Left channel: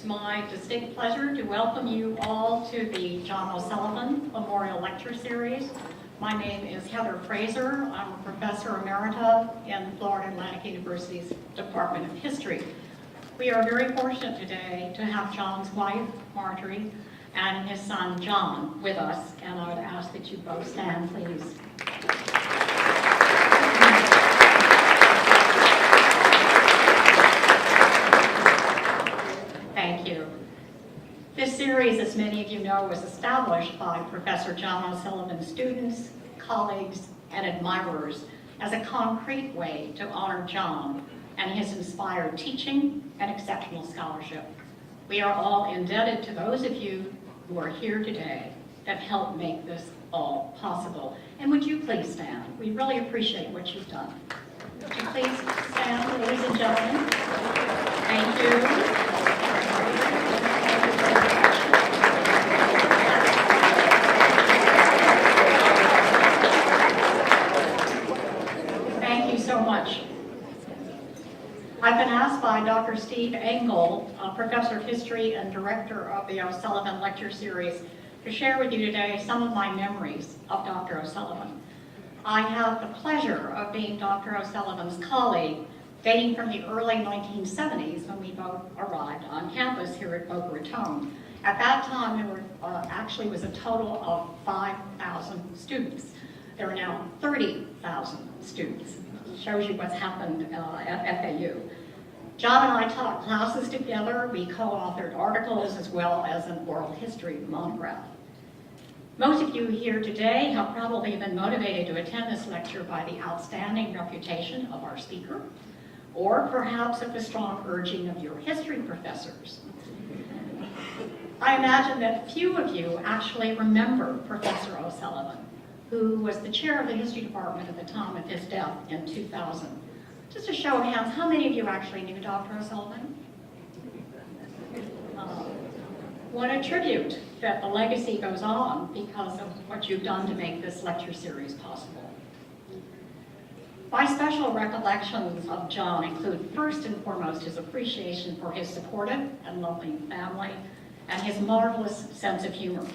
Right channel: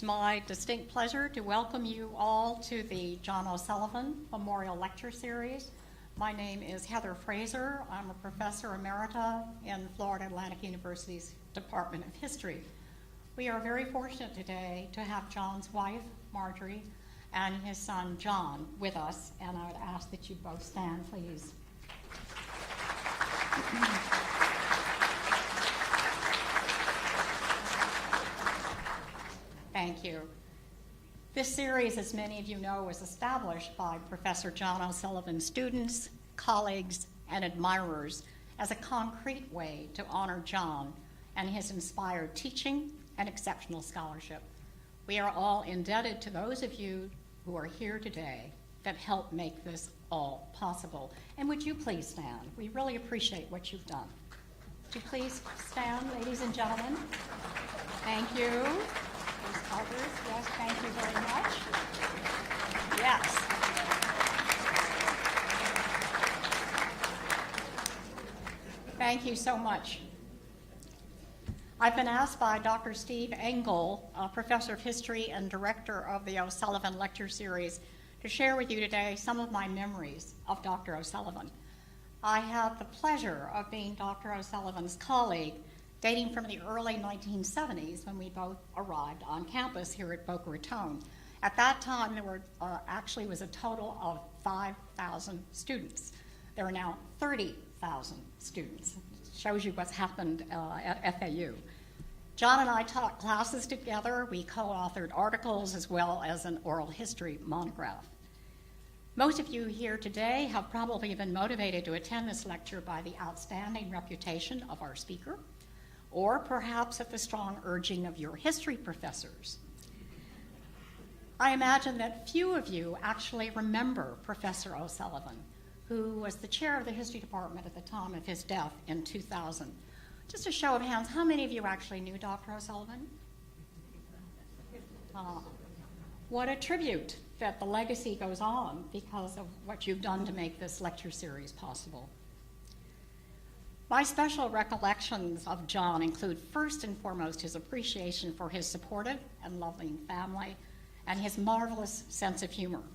It's my distinct pleasure to welcome you all to the John O'Sullivan Memorial Lecture Series. My name is Heather Fraser. I'm a professor emerita in Florida Atlantic University's Department of History. We are very fortunate today to have John's wife, Marjorie, and his son, John, with us, and I would ask that you both stand, please. Thank you. This series, as many of you know, was established by Professor John O'Sullivan's students, colleagues, and admirers as a concrete way to honor John and his inspired teaching and exceptional scholarship. We are all indebted to those of you who are here today that helped make this all possible. And would you please stand? We really appreciate what you've done. Would you please stand, ladies and gentlemen? Thank you. Thank you so much. I've been asked by Dr. Steve Engel, Professor of History and Director of the O'Sullivan Lecture Series, to share with you today some of my memories of Dr. O'Sullivan. I have the pleasure of being Dr. O'Sullivan's colleague dating from the early 1970s when we both arrived on campus here at Boca Raton. At that time, there were actually was a total of 5,000 students. There are now 30,000 students. It shows you what's happened at FAU. John and I taught classes together. We co-authored articles as well as an oral history monograph. Most of you here today have probably been motivated to attend this lecture by the outstanding reputation of our speaker, or perhaps at the strong urging of your history professors. I imagine that few of you actually remember Professor O'Sullivan, who was the chair of the history department at the time of his death in 2000. Just a show of hands, how many of you actually knew Dr. O'Sullivan? What a tribute that the legacy goes on because of what you've done to make this lecture series possible. My special recollections of John include first and foremost his appreciation for his supportive and loving family and his marvelous sense of humor.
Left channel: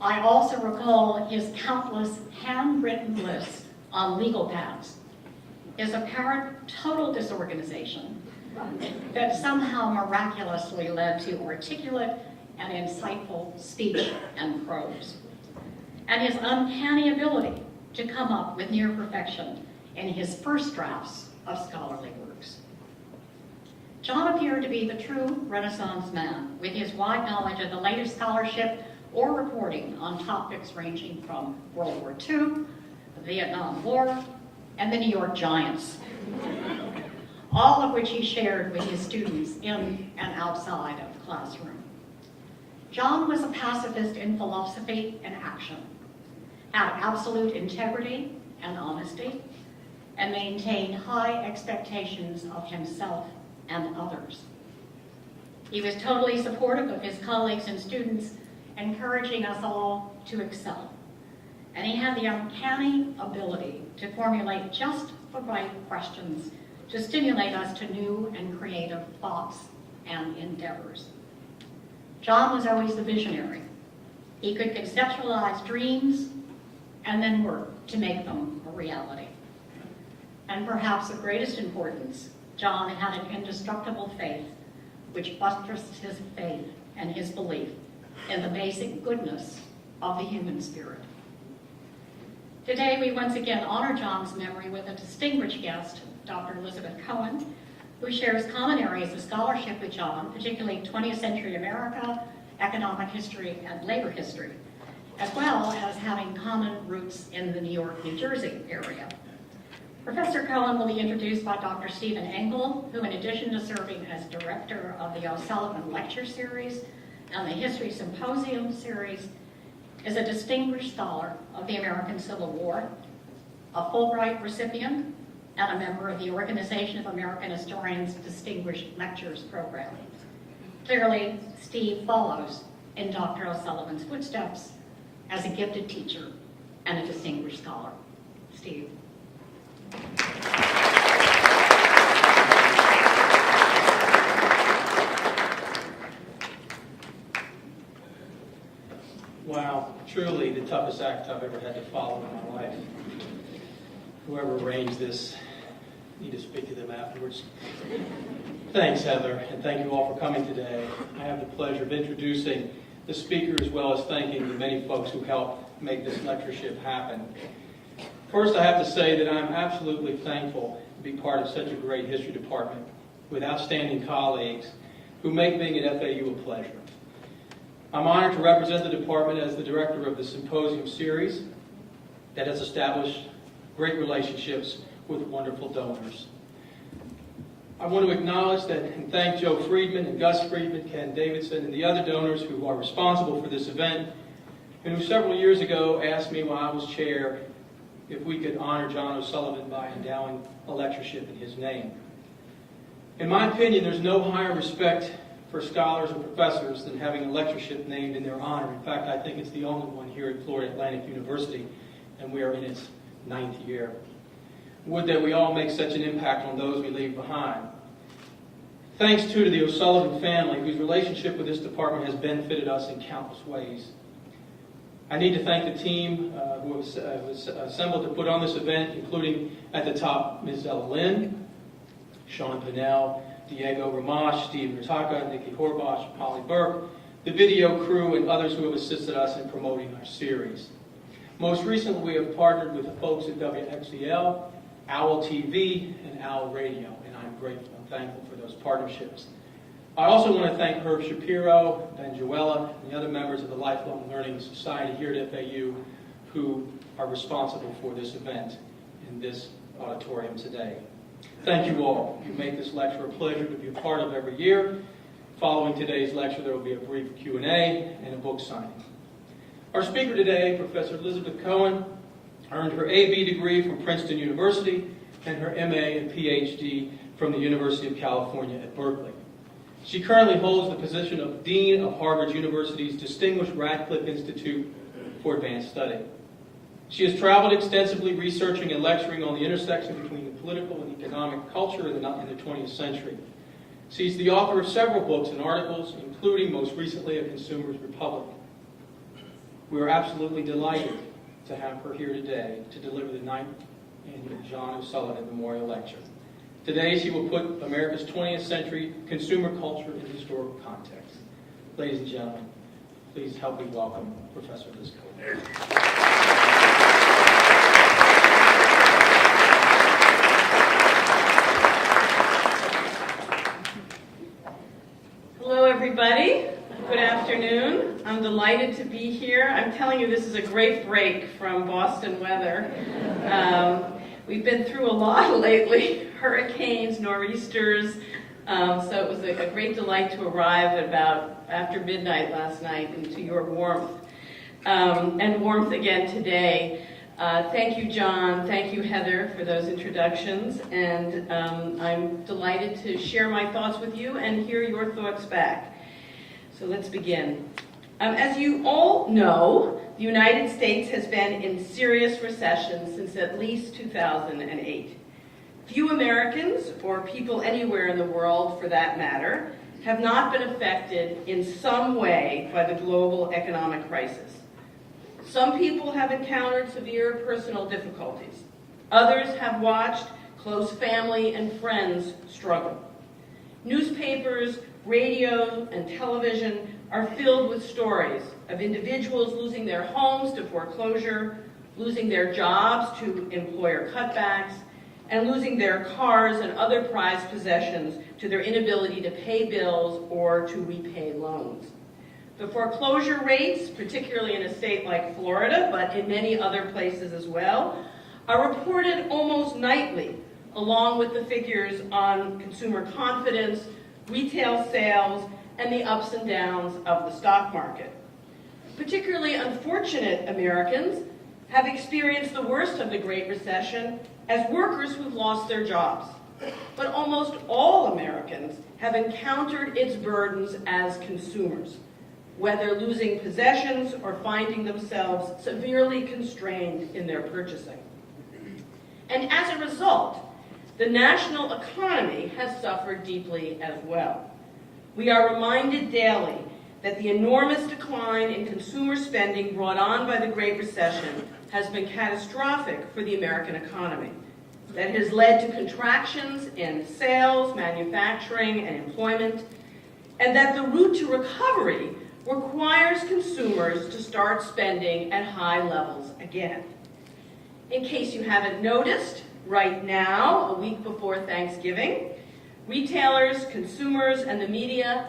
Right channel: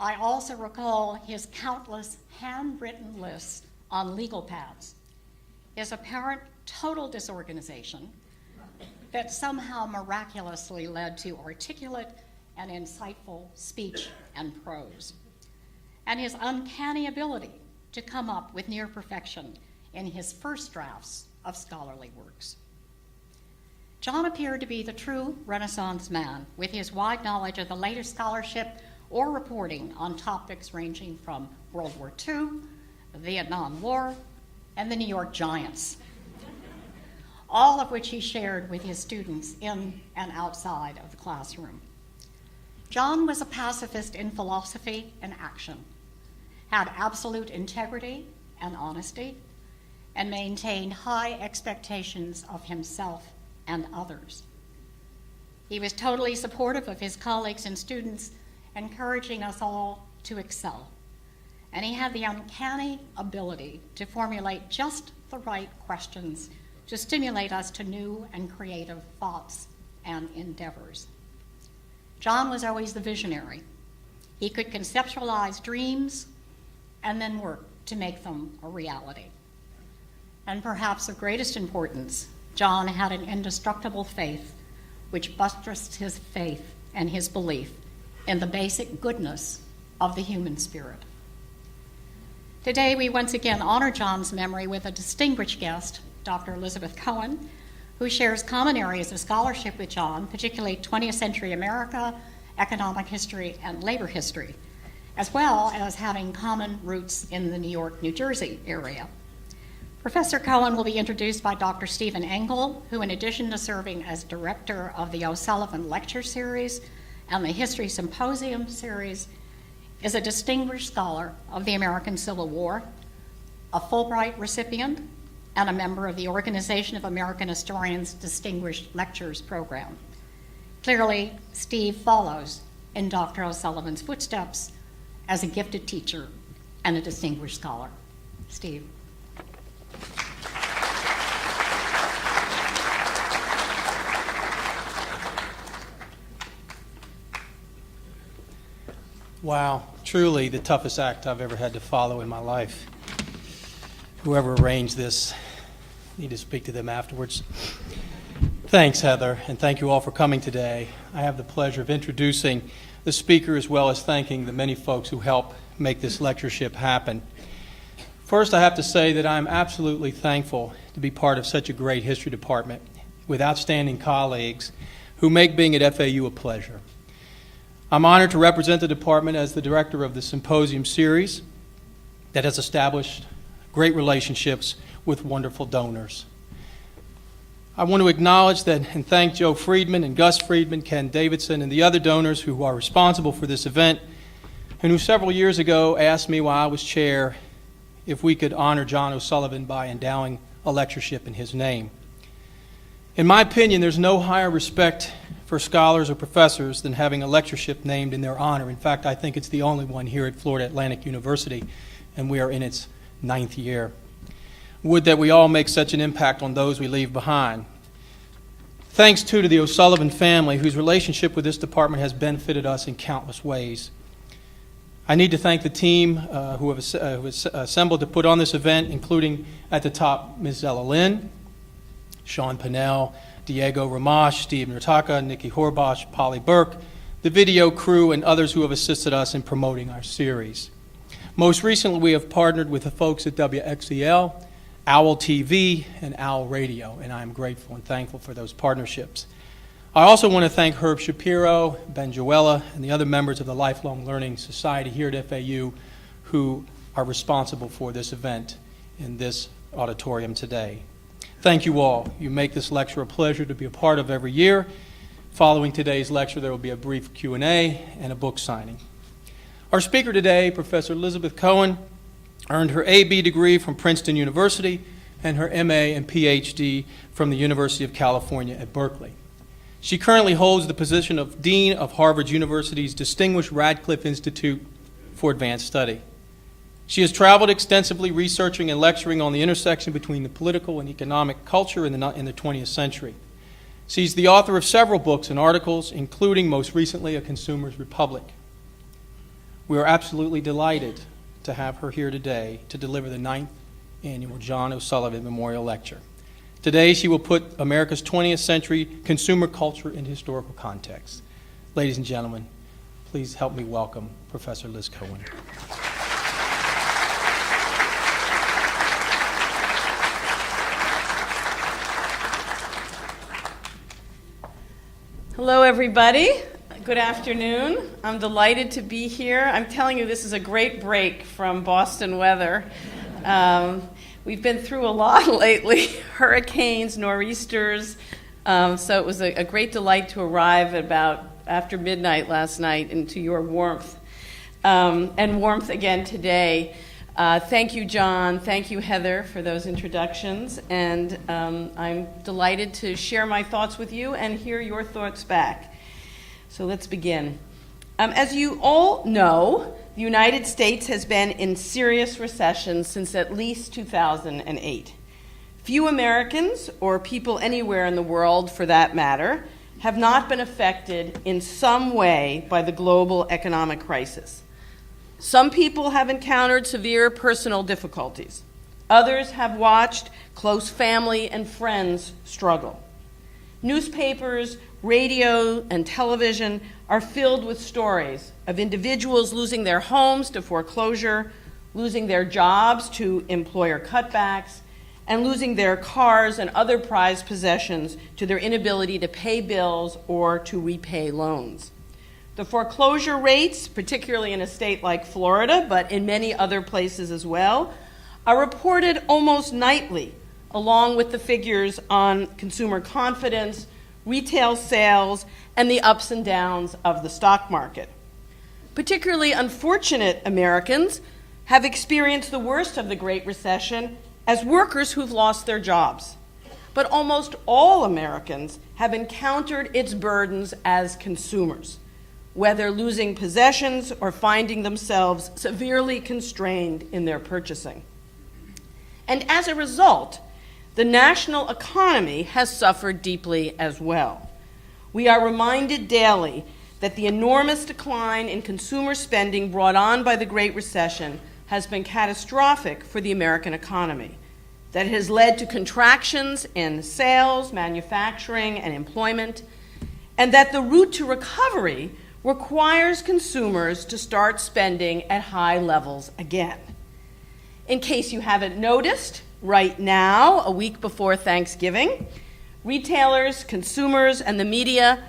I also recall his countless handwritten lists on legal pads, his apparent total disorganization that somehow miraculously led to articulate and insightful speech and prose, and his uncanny ability to come up with near perfection in his first drafts of scholarly works. John appeared to be the true Renaissance man with his wide knowledge of the latest scholarship or reporting on topics ranging from World War II, the Vietnam War, and the New York Giants, all of which he shared with his students in and outside of the classroom. John was a pacifist in philosophy and action, had absolute integrity and honesty, and maintained high expectations of himself and others. He was totally supportive of his colleagues and students, encouraging us all to excel. And he had the uncanny ability to formulate just the right questions to stimulate us to new and creative thoughts and endeavors. John was always the visionary. He could conceptualize dreams and then work to make them a reality. And perhaps of greatest importance, John had an indestructible faith which buttressed his faith and his belief in the basic goodness of the human spirit. Today, we once again honor John's memory with a distinguished guest, Dr. Lizabeth Cohen, who shares common areas of scholarship with John, particularly 20th century America, economic history, and labor history, as well as having common roots in the New York, New Jersey area. Professor Cohen will be introduced by Dr. Stephen Engel, who in addition to serving as director of the O'Sullivan Lecture Series and the History Symposium Series, is a distinguished scholar of the American Civil War, a Fulbright recipient, and a member of the Organization of American Historians Distinguished Lectures program. Clearly, Steve follows in Dr. O'Sullivan's footsteps as a gifted teacher and a distinguished scholar. Steve. Wow, truly the toughest act I've ever had to follow in my life. Whoever arranged this, I need to speak to them afterwards. Thanks, Heather, and thank you all for coming today. I have the pleasure of introducing the speaker as well as thanking the many folks who helped make this lectureship happen. First, I have to say that I'm absolutely thankful to be part of such a great history department with outstanding colleagues who make being at FAU a pleasure. I'm honored to represent the department as the director of the symposium series that has established great relationships with wonderful donors. I want to acknowledge that and thank Joe Friedman and Gus Friedman, Ken Davidson, and the other donors who are responsible for this event, and who several years ago asked me while I was chair if we could honor John O'Sullivan by endowing a lectureship in his name. In my opinion, there's no higher respect for scholars or professors than having a lectureship named in their honor. In fact, I think it's the only one here at Florida Atlantic University, and we are in its 9th year. Would that we all make such an impact on those we leave behind. Thanks, too, to the O'Sullivan family, whose relationship with this department has benefited us in countless ways. I need to thank the team who have assembled to put on this event, including at the top, Ms. Ella Lynn, Sean Pinnell, Diego Ramash, Steve Nurtaka, Nikki Horbosh, Polly Burke, the video crew, and others who have assisted us in promoting our series. Most recently, we have partnered with the folks at WXEL, OWL TV, and OWL Radio, and I'm grateful and thankful for those partnerships. I also want to thank Herb Shapiro, Ben Joella, and the other members of the Lifelong Learning Society here at FAU who are responsible for this event in this auditorium today. Thank you all. You make this lecture a pleasure to be a part of every year. Following today's lecture, there will be a brief Q&A and a book signing. Our speaker today, Professor Lizabeth Cohen, earned her A.B. degree from Princeton University and her M.A. and Ph.D. from the University of California at Berkeley. She currently holds the position of Dean of Harvard University's Distinguished Radcliffe Institute for Advanced Study. She has traveled extensively researching and lecturing on the intersection between the political and economic culture in the 20th century. She's the author of several books and articles, including most recently A Consumer's Republic. We are absolutely delighted to have her here today to deliver the 9th annual John O'Sullivan Memorial Lecture. Today she will put America's 20th century consumer culture in historical context. Ladies and gentlemen, please help me welcome Professor Liz Cohen. Hello, everybody. Good afternoon. I'm delighted to be here. I'm telling you, this is a great break from Boston weather. We've been through a lot lately, hurricanes, nor'easters, so it was a great delight to arrive about after midnight last night into your warmth, and warmth again today. Thank you, John. Thank you, Heather, for those introductions, and I'm delighted to share my thoughts with you and hear your thoughts back. So let's begin. As you all know, the United States has been in serious recession since at least 2008. Few Americans, or people anywhere in the world for that matter, have not been affected in some way by the global economic crisis. Some people have encountered severe personal difficulties. Others have watched close family and friends struggle. Newspapers, radio, and television are filled with stories of individuals losing their homes to foreclosure, losing their jobs to employer cutbacks, and losing their cars and other prized possessions to their inability to pay bills or to repay loans. The foreclosure rates, particularly in a state like Florida, but in many other places as well, are reported almost nightly, along with the figures on consumer confidence, retail sales, and the ups and downs of the stock market. Particularly unfortunate Americans have experienced the worst of the Great Recession as workers who've lost their jobs. But almost all Americans have encountered its burdens as consumers, whether losing possessions or finding themselves severely constrained in their purchasing. And as a result, the national economy has suffered deeply as well. We are reminded daily that the enormous decline in consumer spending brought on by the Great Recession has been catastrophic for the American economy, that it has led to contractions in sales, manufacturing, and employment, and that the route to recovery requires consumers to start spending at high levels again. In case you haven't noticed, right now, a week before Thanksgiving, retailers, consumers, and the media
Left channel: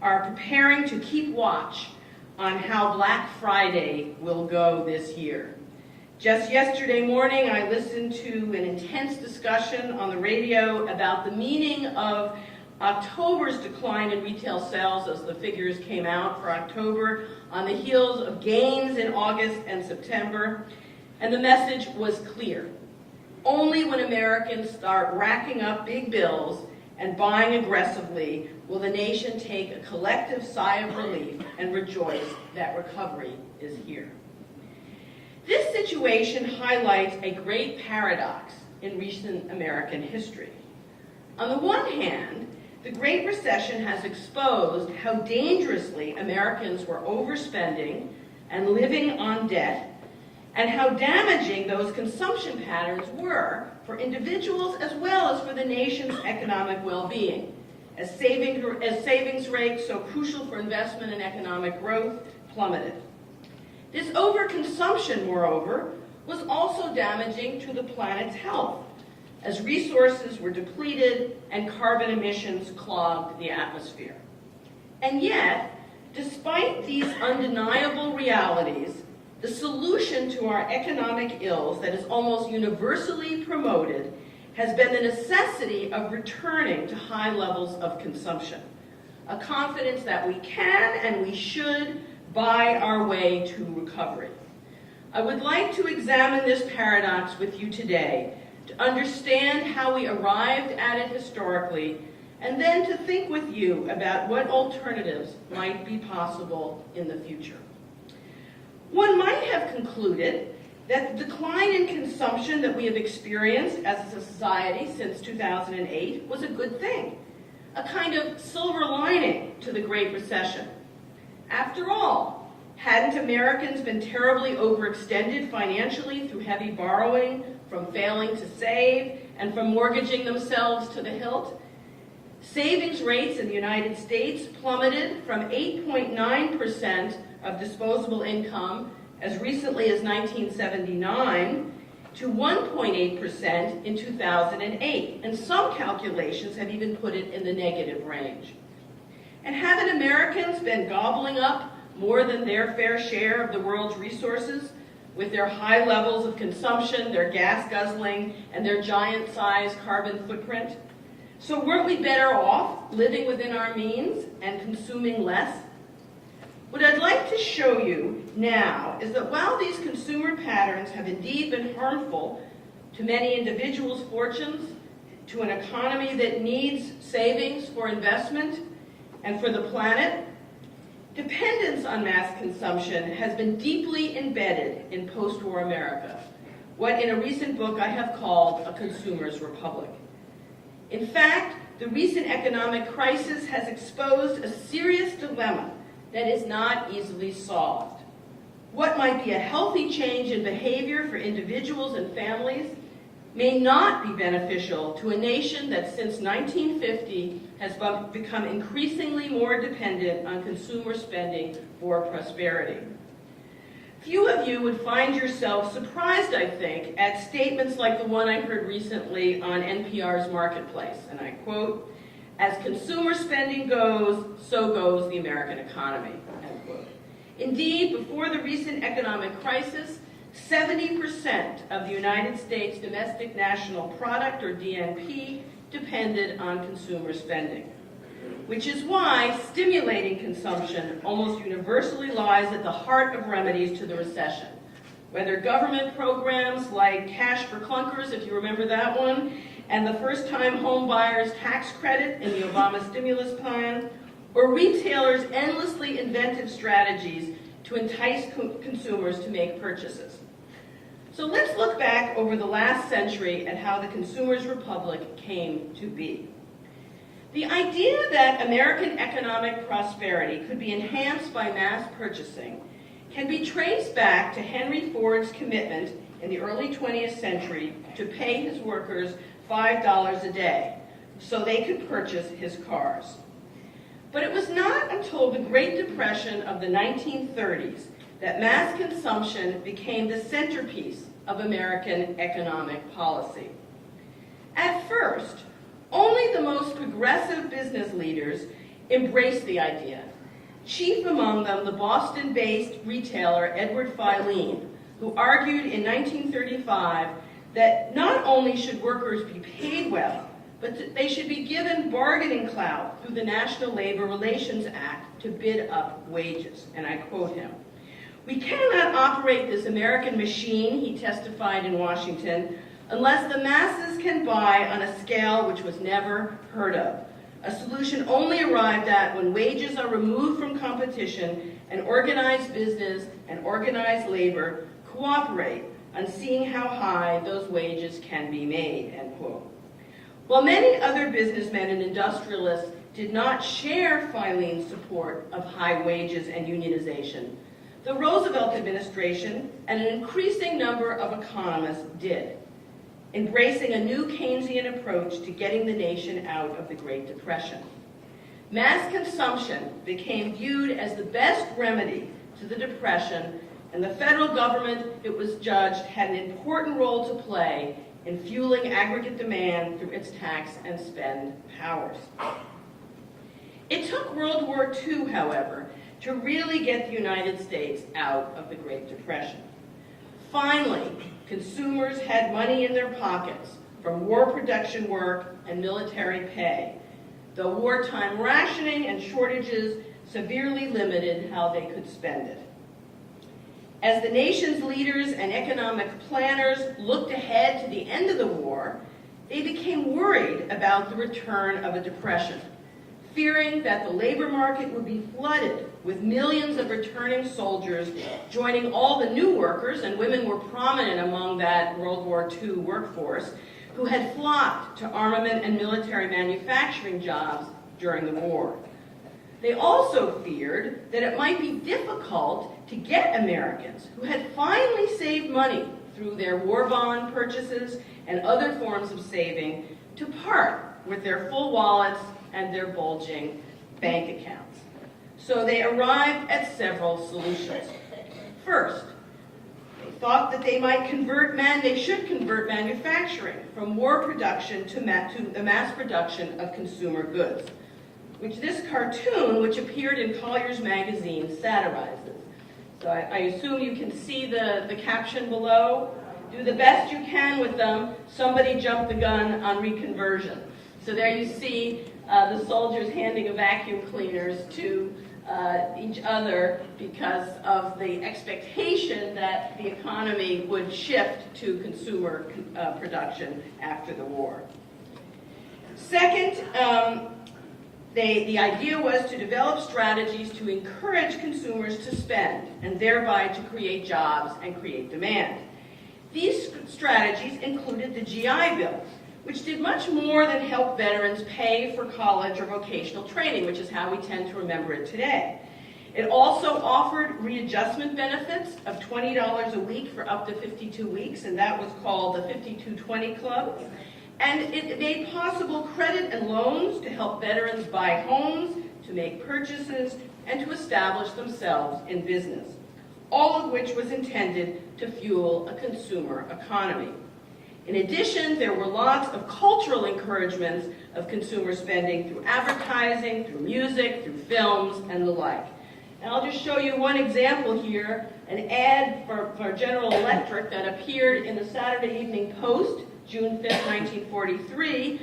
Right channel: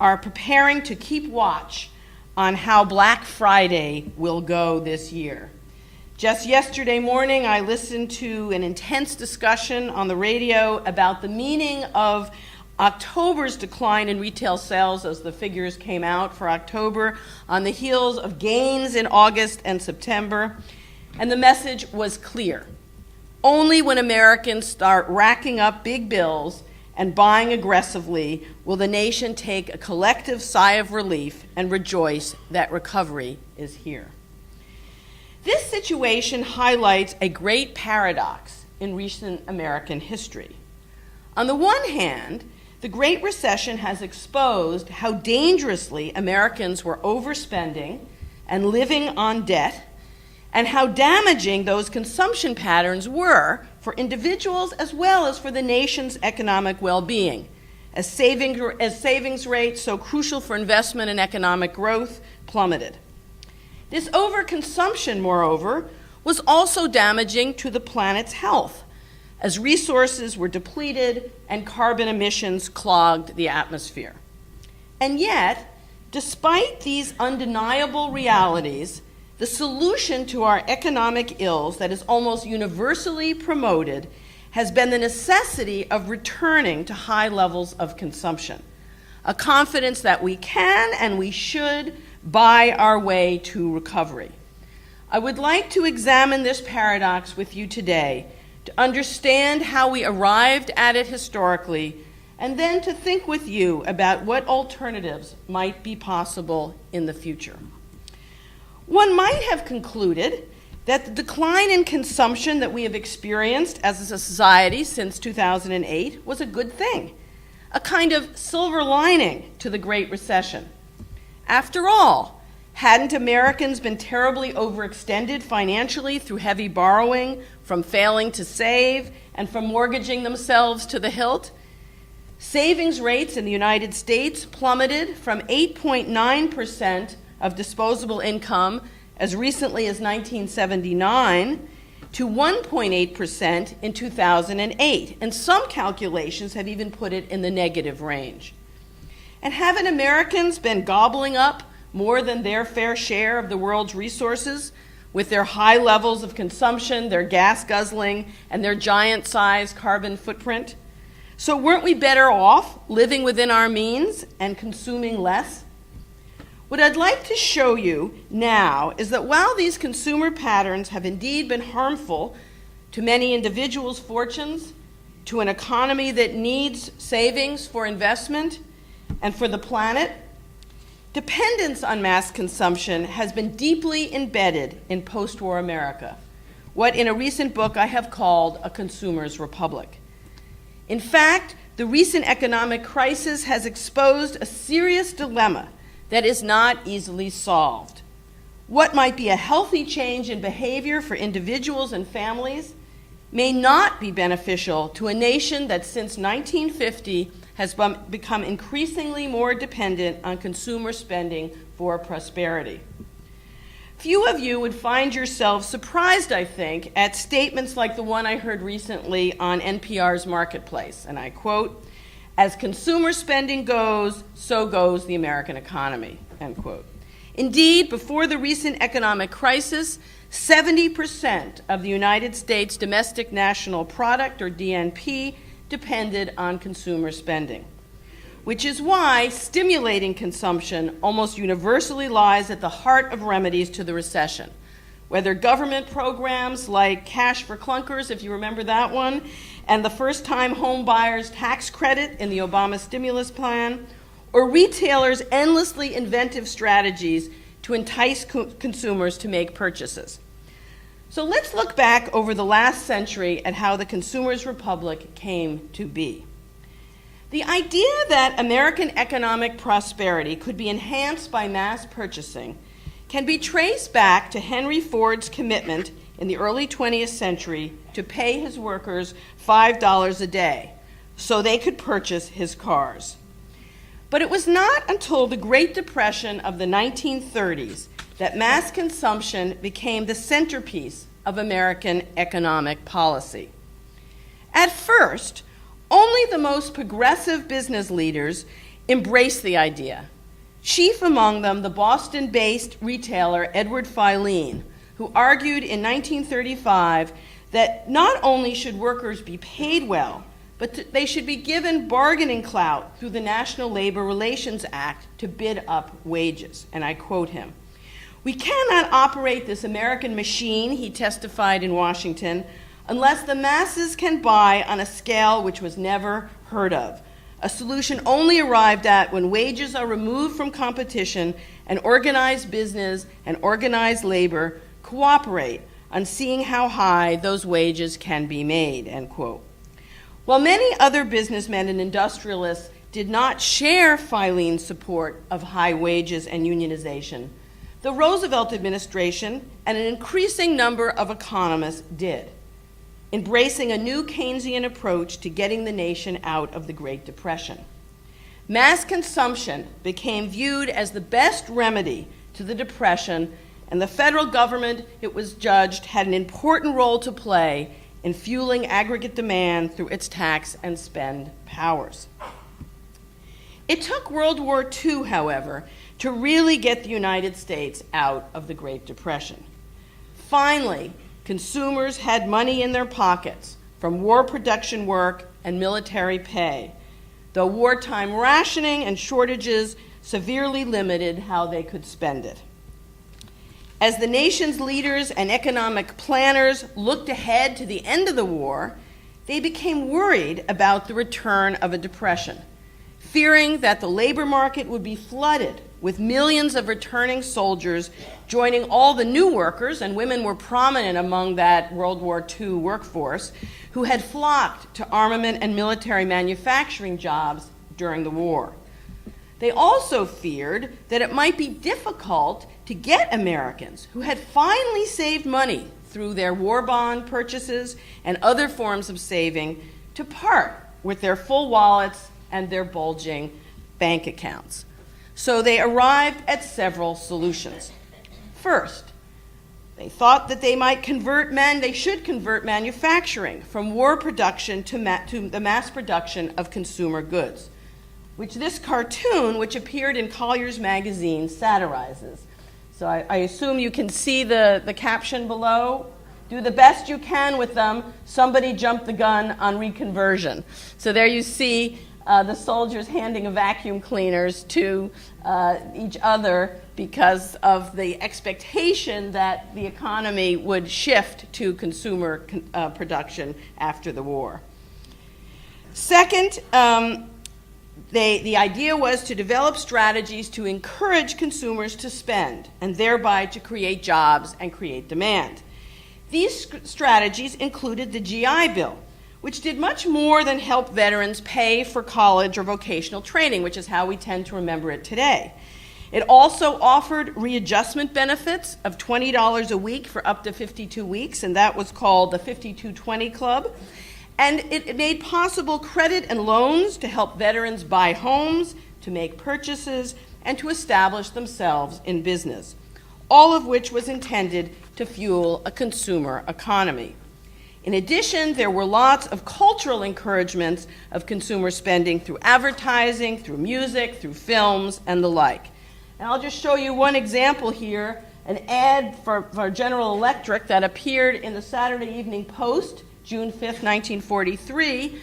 are preparing to keep watch on how Black Friday will go this year. Just yesterday morning, I listened to an intense discussion on the radio about the meaning of October's decline in retail sales as the figures came out for October on the heels of gains in August and September. And the message was clear. Only when Americans start racking up big bills and buying aggressively will the nation take a collective sigh of relief and rejoice that recovery is here. This situation highlights a great paradox in recent American history. On the one hand, the Great Recession has exposed how dangerously Americans were overspending and living on debt, and how damaging those consumption patterns were for individuals as well as for the nation's economic well-being, as savings rates so crucial for investment and economic growth plummeted. This overconsumption, moreover, was also damaging to the planet's health, as resources were depleted and carbon emissions clogged the atmosphere. And yet, despite these undeniable realities, the solution to our economic ills that is almost universally promoted has been the necessity of returning to high levels of consumption, a confidence that we can and we should buy our way to recovery. I would like to examine this paradox with you today to understand how we arrived at it historically, and then to think with you about what alternatives might be possible in the future. One might have concluded that the decline in consumption that we have experienced as a society since 2008 was a good thing, a kind of silver lining to the Great Recession. After all, hadn't Americans been terribly overextended financially through heavy borrowing, from failing to save, and from mortgaging themselves to the hilt? Savings rates in the United States plummeted from 8.9% of disposable income as recently as 1979 to 1.8% in 2008, and some calculations have even put it in the negative range. And haven't Americans been gobbling up more than their fair share of the world's resources with their high levels of consumption, their gas guzzling, and their giant-sized carbon footprint? So weren't we better off living within our means and consuming less? What I'd like to show you now is that while these consumer patterns have indeed been harmful to many individuals' fortunes, to an economy that needs savings for investment and for the planet, dependence on mass consumption has been deeply embedded in post-war America, what in a recent book I have called a consumer's republic. In fact, the recent economic crisis has exposed a serious dilemma that is not easily solved. What might be a healthy change in behavior for individuals and families may not be beneficial to a nation that since 1950 has become increasingly more dependent on consumer spending for prosperity. Few of you would find yourselves surprised, I think, at statements like the one I heard recently on NPR's Marketplace, and I quote, "As consumer spending goes, so goes the American economy," end quote. Indeed, before the recent economic crisis, 70% of the United States domestic national product, or DNP, depended on consumer spending, which is why stimulating consumption almost universally lies at the heart of remedies to the recession. Whether government programs like Cash for Clunkers, if you remember that one, and the first-time home buyers tax credit in the Obama stimulus plan, or retailers' endlessly inventive strategies to entice consumers to make purchases. So let's look back over the last century at how the consumer's republic came to be. The idea that American economic prosperity could be enhanced by mass purchasing can be traced back to Henry Ford's commitment in the early 20th century to pay his workers $5 a day so they could purchase his cars. But it was not until the Great Depression of the 1930s that mass consumption became the centerpiece of American economic policy. At first, only the most progressive business leaders embraced the idea, chief among them the Boston-based retailer Edward Filene, who argued in 1935 that not only should workers be paid well, but they should be given bargaining clout through the National Labor Relations Act to bid up wages. And I quote him, "We cannot operate this American machine," he testified in Washington, "unless the masses can buy on a scale which was never heard of. A solution only arrived at when wages are removed from competition and organized business and organized labor cooperate on seeing how high those wages can be made," end quote. While many other businessmen and industrialists did not share Filene's support of high wages and unionization, the Roosevelt administration and an increasing number of economists did, embracing a new Keynesian approach to getting the nation out of the Great Depression. Mass consumption became viewed as the best remedy to the Depression, and the federal government, it was judged, had an important role to play in fueling aggregate demand through its tax and spend powers. It took World War II, however, to really get the United States out of the Great Depression. Finally, consumers had money in their pockets from war production work and military pay, though wartime rationing and shortages severely limited how they could spend it. As the nation's leaders and economic planners looked ahead to the end of the war, they became worried about the return of a depression, fearing that the labor market would be flooded with millions of returning soldiers joining all the new workers, and women were prominent among that World War II workforce, who had flocked to armament and military manufacturing jobs during the war. They also feared that it might be difficult to get Americans who had finally saved money through their war bond purchases and other forms of saving to part with their full wallets and their bulging bank accounts. So they arrived at several solutions. First, they thought that they should convert manufacturing from war production to the mass production of consumer goods, which this cartoon, which appeared in Collier's magazine, satirizes. So I assume you can see the caption below. Do the best you can with them. Somebody jumped the gun on reconversion. So there you see the soldiers handing vacuum cleaners to each other because of the expectation that the economy would shift to consumer production after the war. Second, the idea was to develop strategies to encourage consumers to spend and thereby to create jobs and create demand. These strategies included the GI Bill, which did much more than help veterans pay for college or vocational training, which is how we tend to remember it today. It also offered readjustment benefits of $20 a week for up to 52 weeks, and that was called the 5220 Club. And it made possible credit and loans to help veterans buy homes, to make purchases, and to establish themselves in business, all of which was intended to fuel a consumer economy. In addition, there were lots of cultural encouragements of consumer spending through advertising, through music, through films, and the like. And I'll just show you one example here, an ad for General Electric that appeared in the Saturday Evening Post, June 5th, 1943,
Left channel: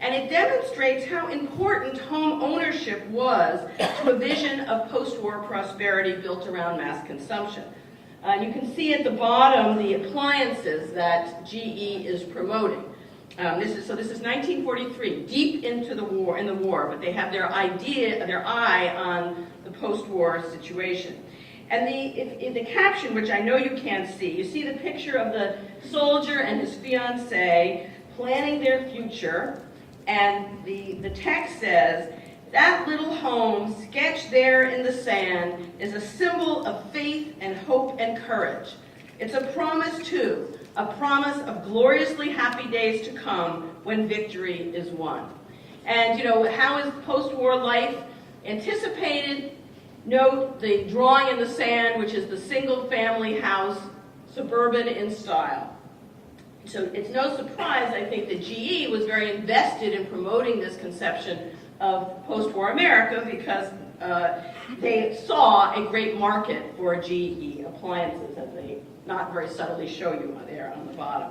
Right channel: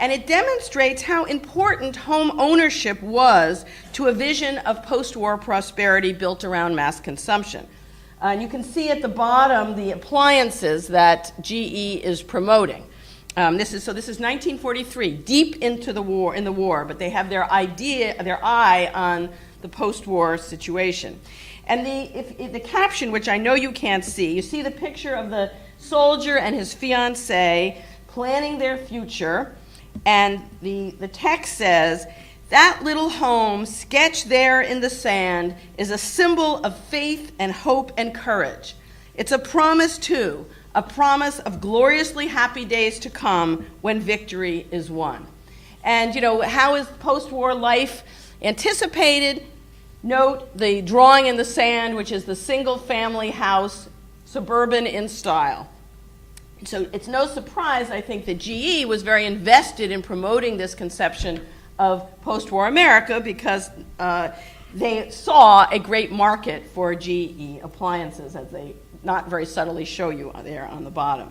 and it demonstrates how important home ownership was to a vision of post-war prosperity built around mass consumption. You can see at the bottom the appliances that GE is promoting. This is 1943, deep into the war, but they have their eye on the post-war situation. And the caption, which I know you can't see, you see the picture of the soldier and his fiancée planning their future, And the text says, "That little home sketched there in the sand is a symbol of faith and hope and courage. It's a promise too, a promise of gloriously happy days to come when victory is won." And, you know, how is post-war life anticipated? Note the drawing in the sand, which is the single-family house, suburban in style. So it's no surprise, I think, that GE was very invested in promoting this conception of post-war America because they saw a great market for GE appliances, as they not very subtly show you there on the bottom.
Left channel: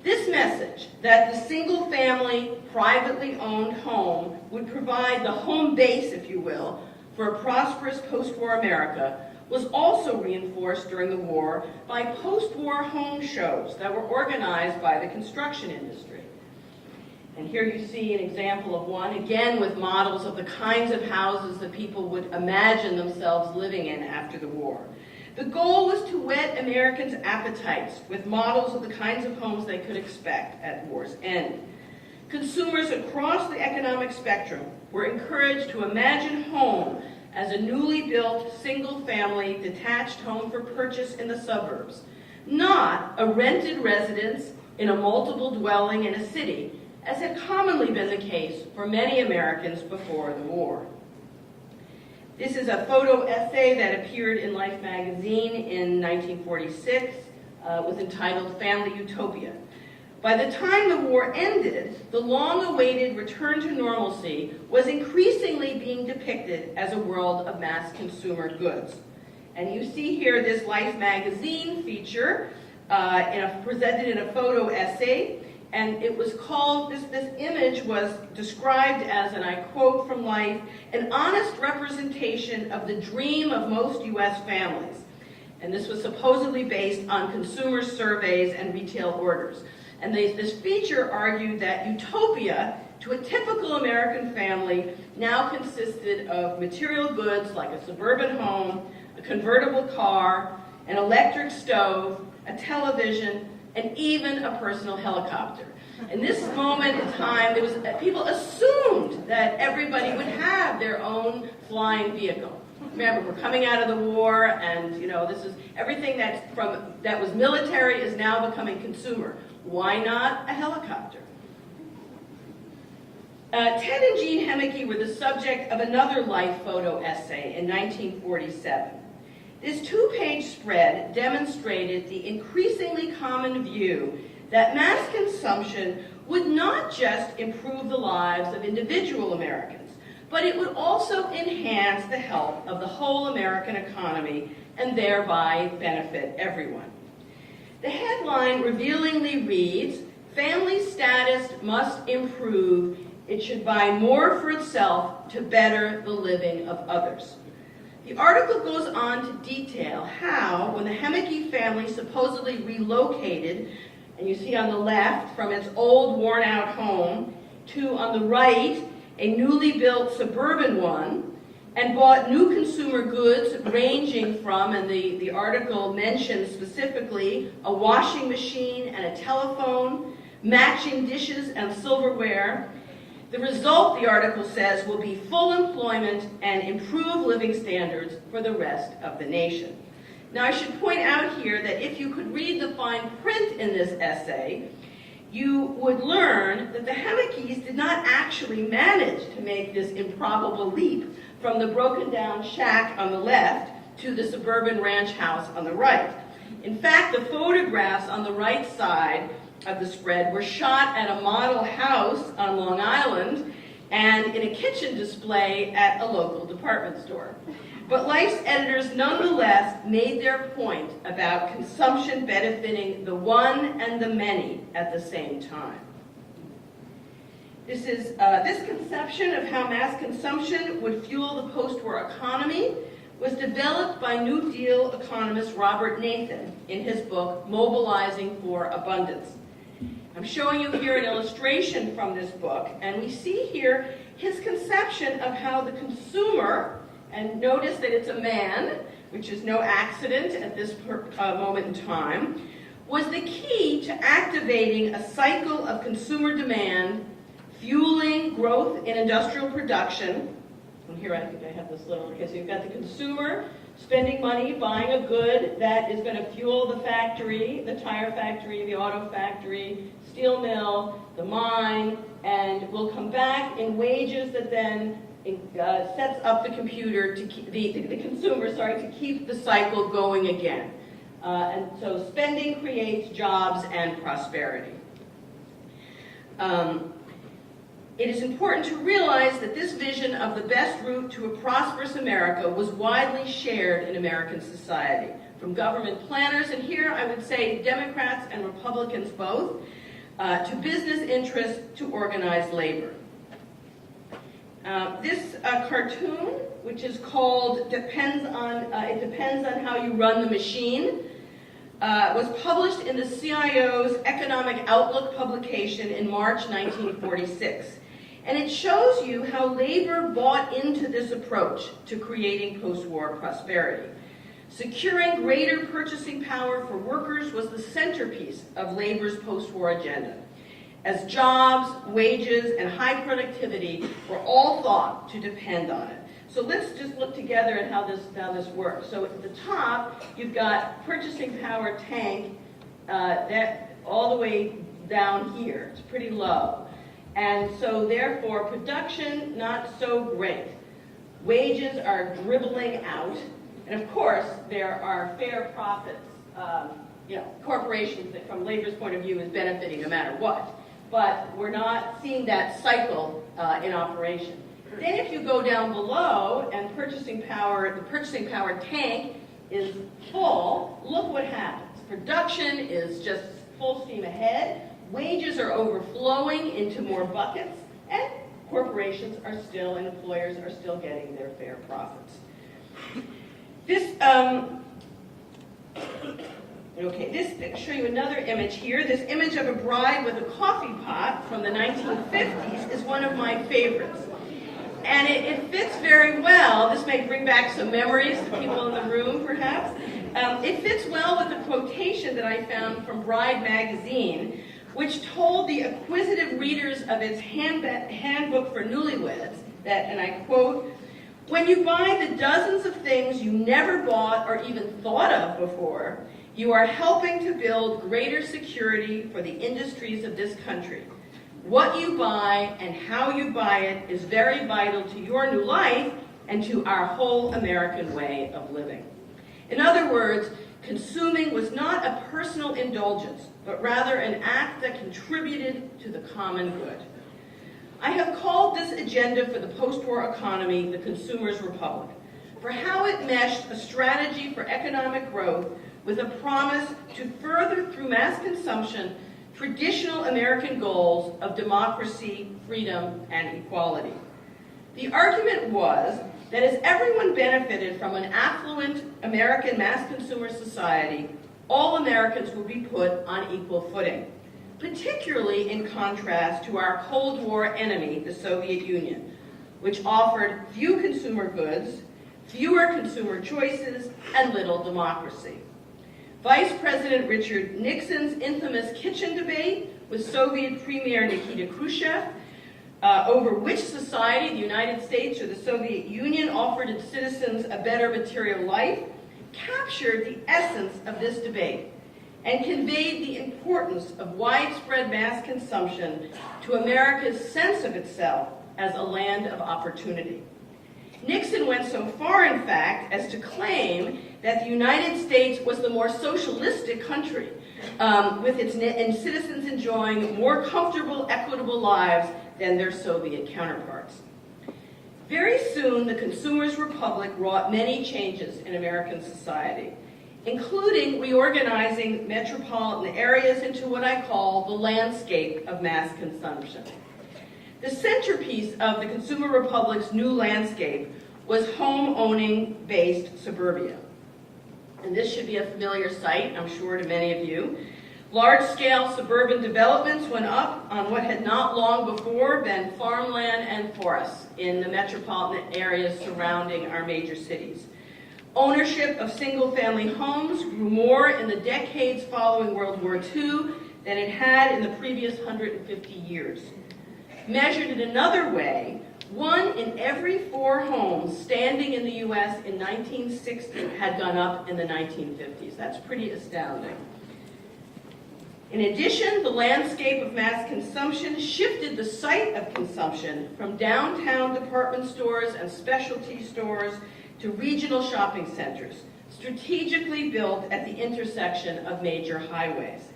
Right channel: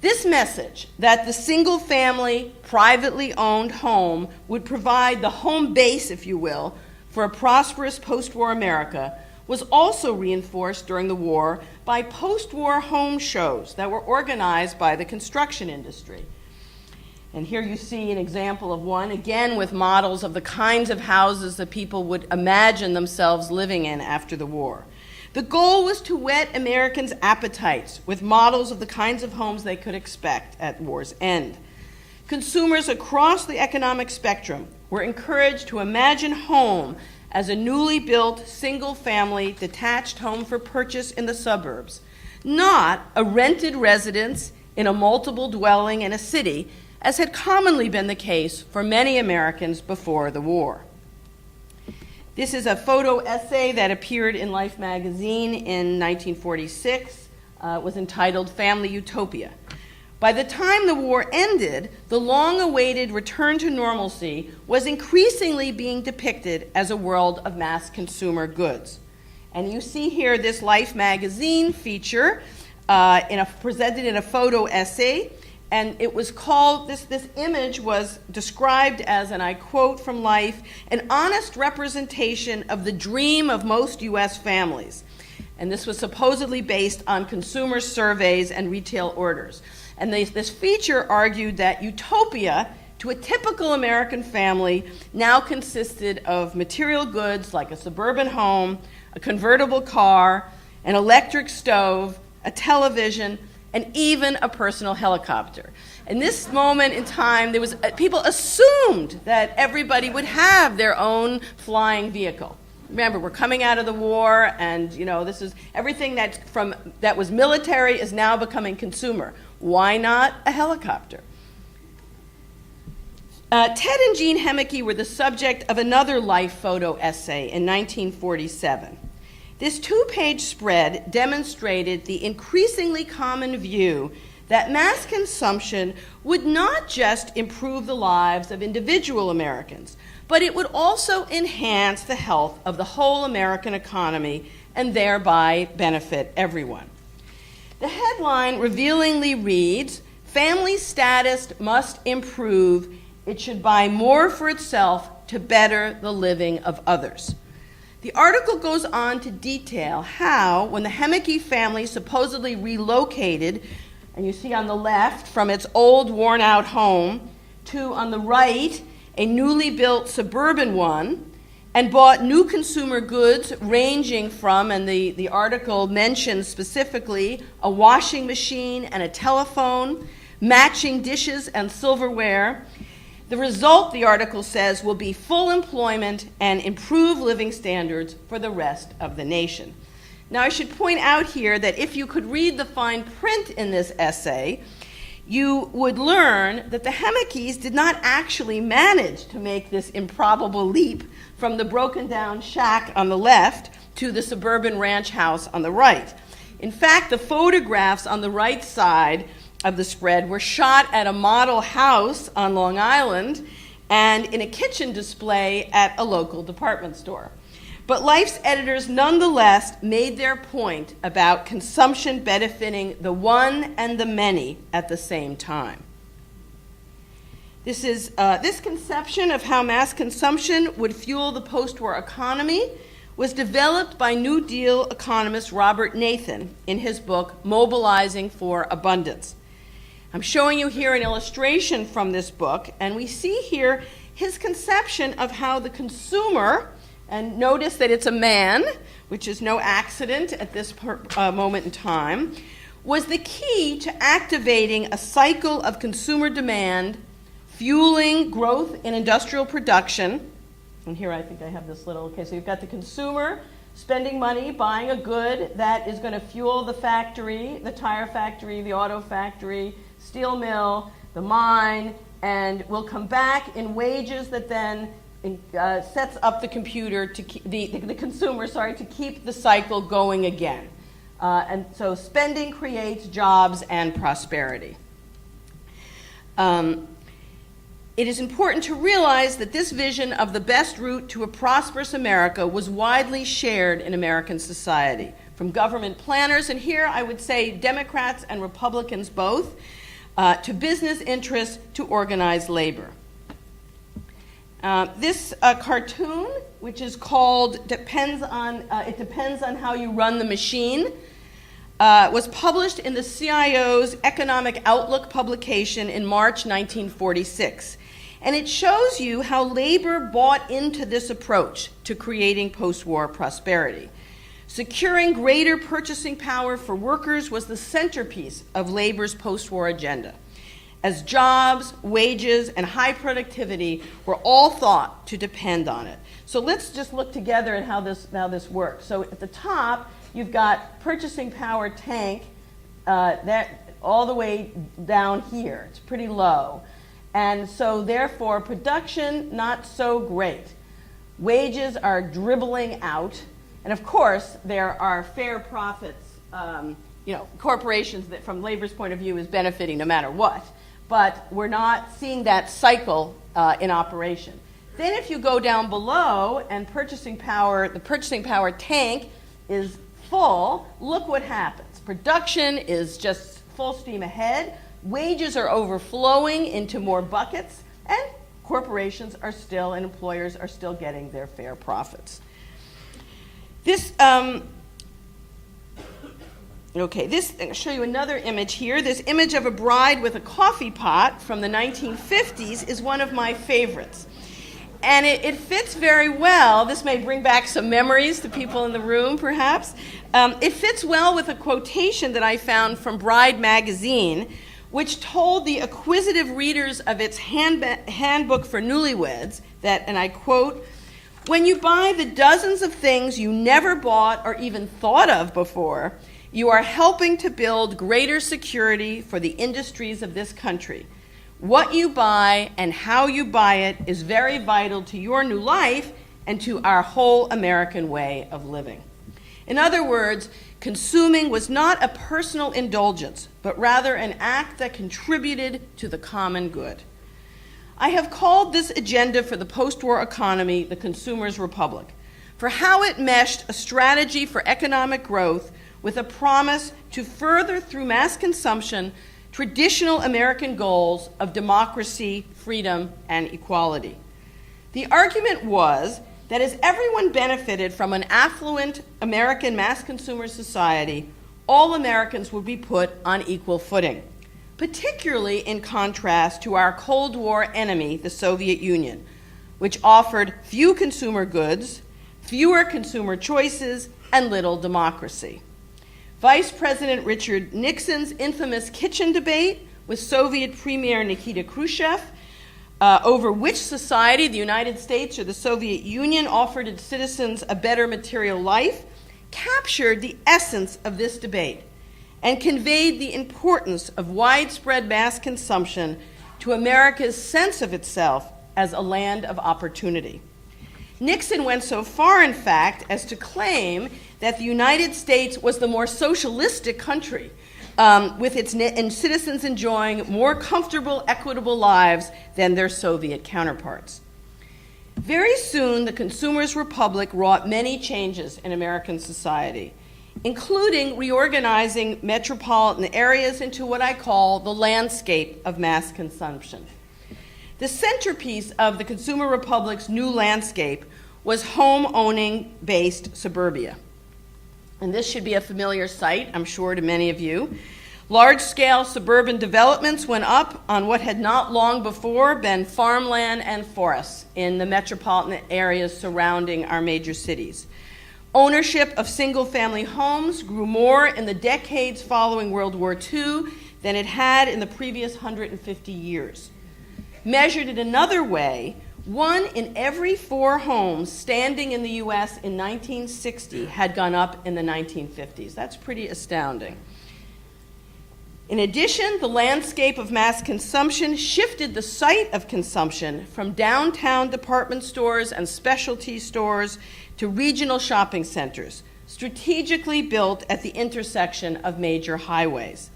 This message that the single-family, privately owned home would provide the home base, if you will, for a prosperous post-war America was also reinforced during the war by post-war home shows that were organized by the construction industry. And here you see an example of one, again with models of the kinds of houses that people would imagine themselves living in after the war. The goal was to whet Americans' appetites with models of the kinds of homes they could expect at war's end. Consumers across the economic spectrum were encouraged to imagine home as a newly built, single-family, detached home for purchase in the suburbs, not a rented residence in a multiple dwelling in a city, as had commonly been the case for many Americans before the war. This is a photo essay that appeared in Life magazine in 1946. It was entitled Family Utopia. By the time the war ended, the long-awaited return to normalcy was increasingly being depicted as a world of mass consumer goods. And you see here this Life magazine feature presented in a photo essay, and it was called, this image was described as, and I quote from Life, "an honest representation of the dream of most U.S. families." And this was supposedly based on consumer surveys and retail orders. And this feature argued that utopia, to a typical American family, now consisted of material goods like a suburban home, a convertible car, an electric stove, a television, and even a personal helicopter. In this moment in time, people assumed that everybody would have their own flying vehicle. Remember, we're coming out of the war, and this is everything that was military is now becoming consumer. Why not a helicopter? Ted and Jean Hemeke were the subject of another Life photo essay in 1947. This two-page spread demonstrated the increasingly common view that mass consumption would not just improve the lives of individual Americans, but it would also enhance the health of the whole American economy and thereby benefit everyone. The headline revealingly reads, "Family status must improve. It should buy more for itself to better the living of others." The article goes on to detail how, when the Hemeke family supposedly relocated, and you see on the left, from its old worn-out home to, on the right, a newly built suburban one, and bought new consumer goods ranging from, and the article mentions specifically, a washing machine and a telephone, matching dishes and silverware. The result, the article says, will be full employment and improved living standards for the rest of the nation. Now, I should point out here that if you could read the fine print in this essay, you would learn that the Hemekes did not actually manage to make this improbable leap from the broken-down shack on the left to the suburban ranch house on the right. In fact, the photographs on the right side of the spread were shot at a model house on Long Island and in a kitchen display at a local department store. But Life's editors nonetheless made their point about consumption benefiting the one and the many at the same time. This conception of how mass consumption would fuel the post-war economy was developed by New Deal economist Robert Nathan in his book, Mobilizing for Abundance. I'm showing you here an illustration from this book, and we see here his conception of how the consumer, and notice that it's a man, which is no accident at this moment in time, was the key to activating a cycle of consumer demand fueling growth in industrial production. And here I think I have this little, okay, so you've got the consumer spending money, buying a good that is going to fuel the factory, the tire factory, the auto factory, steel mill, the mine, and will come back in wages that then sets up the computer to keep the consumer, to keep the cycle going again. And so spending creates jobs and prosperity. It is important to realize that this vision of the best route to a prosperous America was widely shared in American society, from government planners, and here I would say Democrats and Republicans both, to business interests, to organized labor. This cartoon, which is called It Depends on How You Run the Machine, was published in the CIO's Economic Outlook publication in March 1946. And it shows you how labor bought into this approach to creating post-war prosperity. Securing greater purchasing power for workers was the centerpiece of labor's post-war agenda, as jobs, wages, and high productivity were all thought to depend on it. So let's just look together at how this works. So at the top, you've got purchasing power tank that all the way down here. It's pretty low. And so therefore, production, not so great. Wages are dribbling out. And of course, there are fair profits. Corporations that from labor's point of view is benefiting no matter what. But we're not seeing that cycle in operation. Then if you go down below and the purchasing power tank is full, look what happens. Production is just full steam ahead. Wages are overflowing into more buckets, and corporations are still, and employers are still getting their fair profits. I'll show you another image here. This image of a bride with a coffee pot from the 1950s is one of my favorites. And it fits very well. This may bring back some memories to people in the room, perhaps. It fits well with a quotation that I found from Bride magazine, which told the acquisitive readers of its handbook for newlyweds that, and I quote, "When you buy the dozens of things you never bought or even thought of before, you are helping to build greater security for the industries of this country. What you buy and how you buy it is very vital to your new life and to our whole American way of living." In other words, consuming was not a personal indulgence, but rather an act that contributed to the common good. I have called this agenda for the post-war economy the Consumer's Republic, for how it meshed a strategy for economic growth with a promise to further, through mass consumption, traditional American goals of democracy, freedom, and equality. The argument was that as everyone benefited from an affluent American mass consumer society, all Americans would be put on equal footing, particularly in contrast to our Cold War enemy, the Soviet Union, which offered few consumer goods, fewer consumer choices, and little democracy. Vice President Richard Nixon's infamous kitchen debate with Soviet Premier Nikita Khrushchev over which society, the United States or the Soviet Union, offered its citizens a better material life, captured the essence of this debate and conveyed the importance of widespread mass consumption to America's sense of itself as a land of opportunity. Nixon went so far, in fact, as to claim that the United States was the more socialistic country, with its citizens enjoying more comfortable, equitable lives than their Soviet counterparts. Very soon, the Consumer's Republic wrought many changes in American society, including reorganizing metropolitan areas into what I call the landscape of mass consumption. The centerpiece of the Consumer Republic's new landscape was home-owning-based suburbia. And this should be a familiar sight, I'm sure, to many of you. Large-scale suburban developments went up on what had not long before been farmland and forests in the metropolitan areas surrounding our major cities. Ownership of single-family homes grew more in the decades following World War II than it had in the previous 150 years. Measured in another way, 1 in every 4 homes standing in the U.S. in 1960 had gone up in the 1950s. That's pretty astounding. In addition, the landscape of mass consumption shifted the site of consumption from downtown department stores and specialty stores to regional shopping centers, strategically built at the intersection of major highways.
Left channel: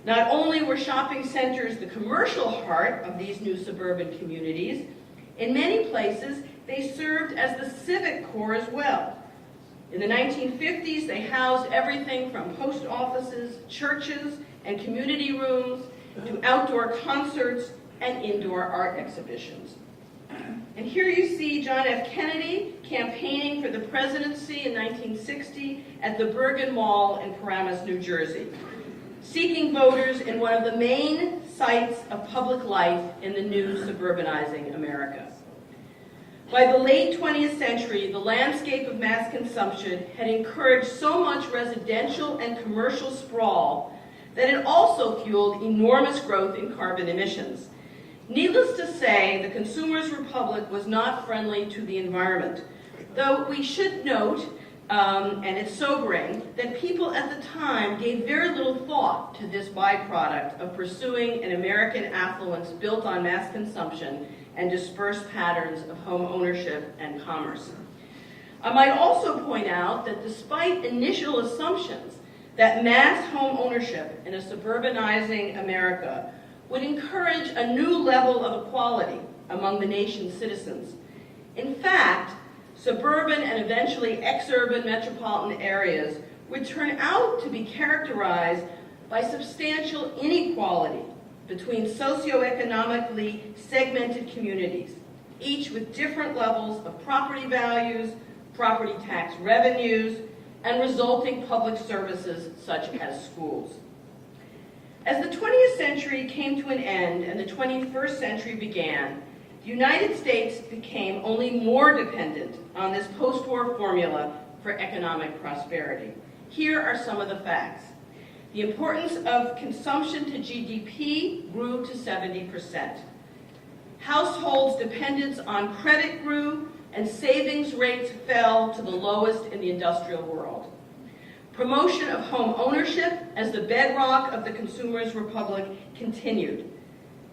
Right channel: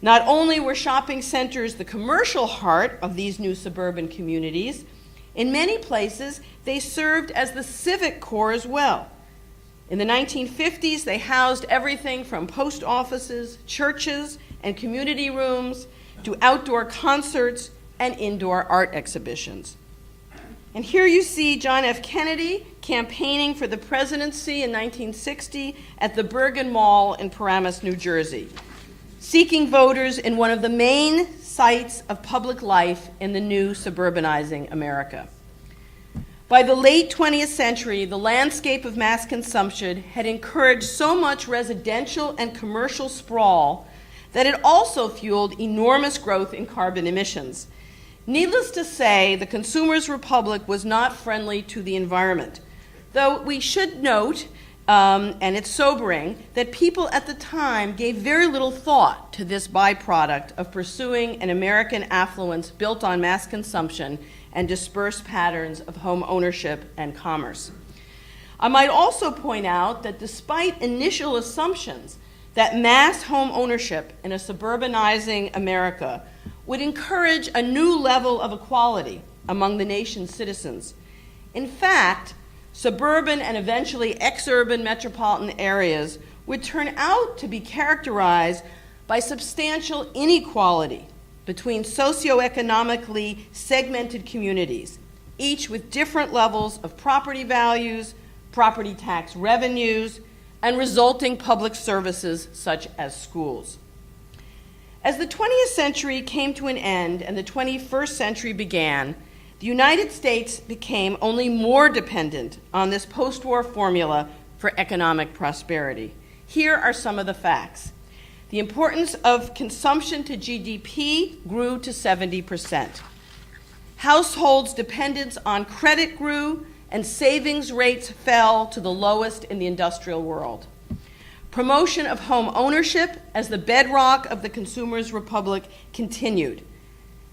Not only were shopping centers the commercial heart of these new suburban communities, in many places they served as the civic core as well. In the 1950s, they housed everything from post offices, churches, and community rooms to outdoor concerts and indoor art exhibitions. And here you see John F. Kennedy campaigning for the presidency in 1960 at the Bergen Mall in Paramus, New Jersey, seeking voters in one of the main sites of public life in the new suburbanizing America. By the late 20th century, the landscape of mass consumption had encouraged so much residential and commercial sprawl that it also fueled enormous growth in carbon emissions. Needless to say, the Consumers' Republic was not friendly to the environment, though we should note, and it's sobering, that people at the time gave very little thought to this byproduct of pursuing an American affluence built on mass consumption and dispersed patterns of home ownership and commerce. I might also point out that despite initial assumptions that mass home ownership in a suburbanizing America would encourage a new level of equality among the nation's citizens, in fact, suburban and eventually exurban metropolitan areas would turn out to be characterized by substantial inequality between socioeconomically segmented communities, each with different levels of property values, property tax revenues, and resulting public services such as schools. As the 20th century came to an end and the 21st century began, the United States became only more dependent on this post-war formula for economic prosperity. Here are some of the facts. The importance of consumption to GDP grew to 70%. Households' dependence on credit grew, and savings rates fell to the lowest in the industrial world. Promotion of home ownership as the bedrock of the Consumers' Republic continued.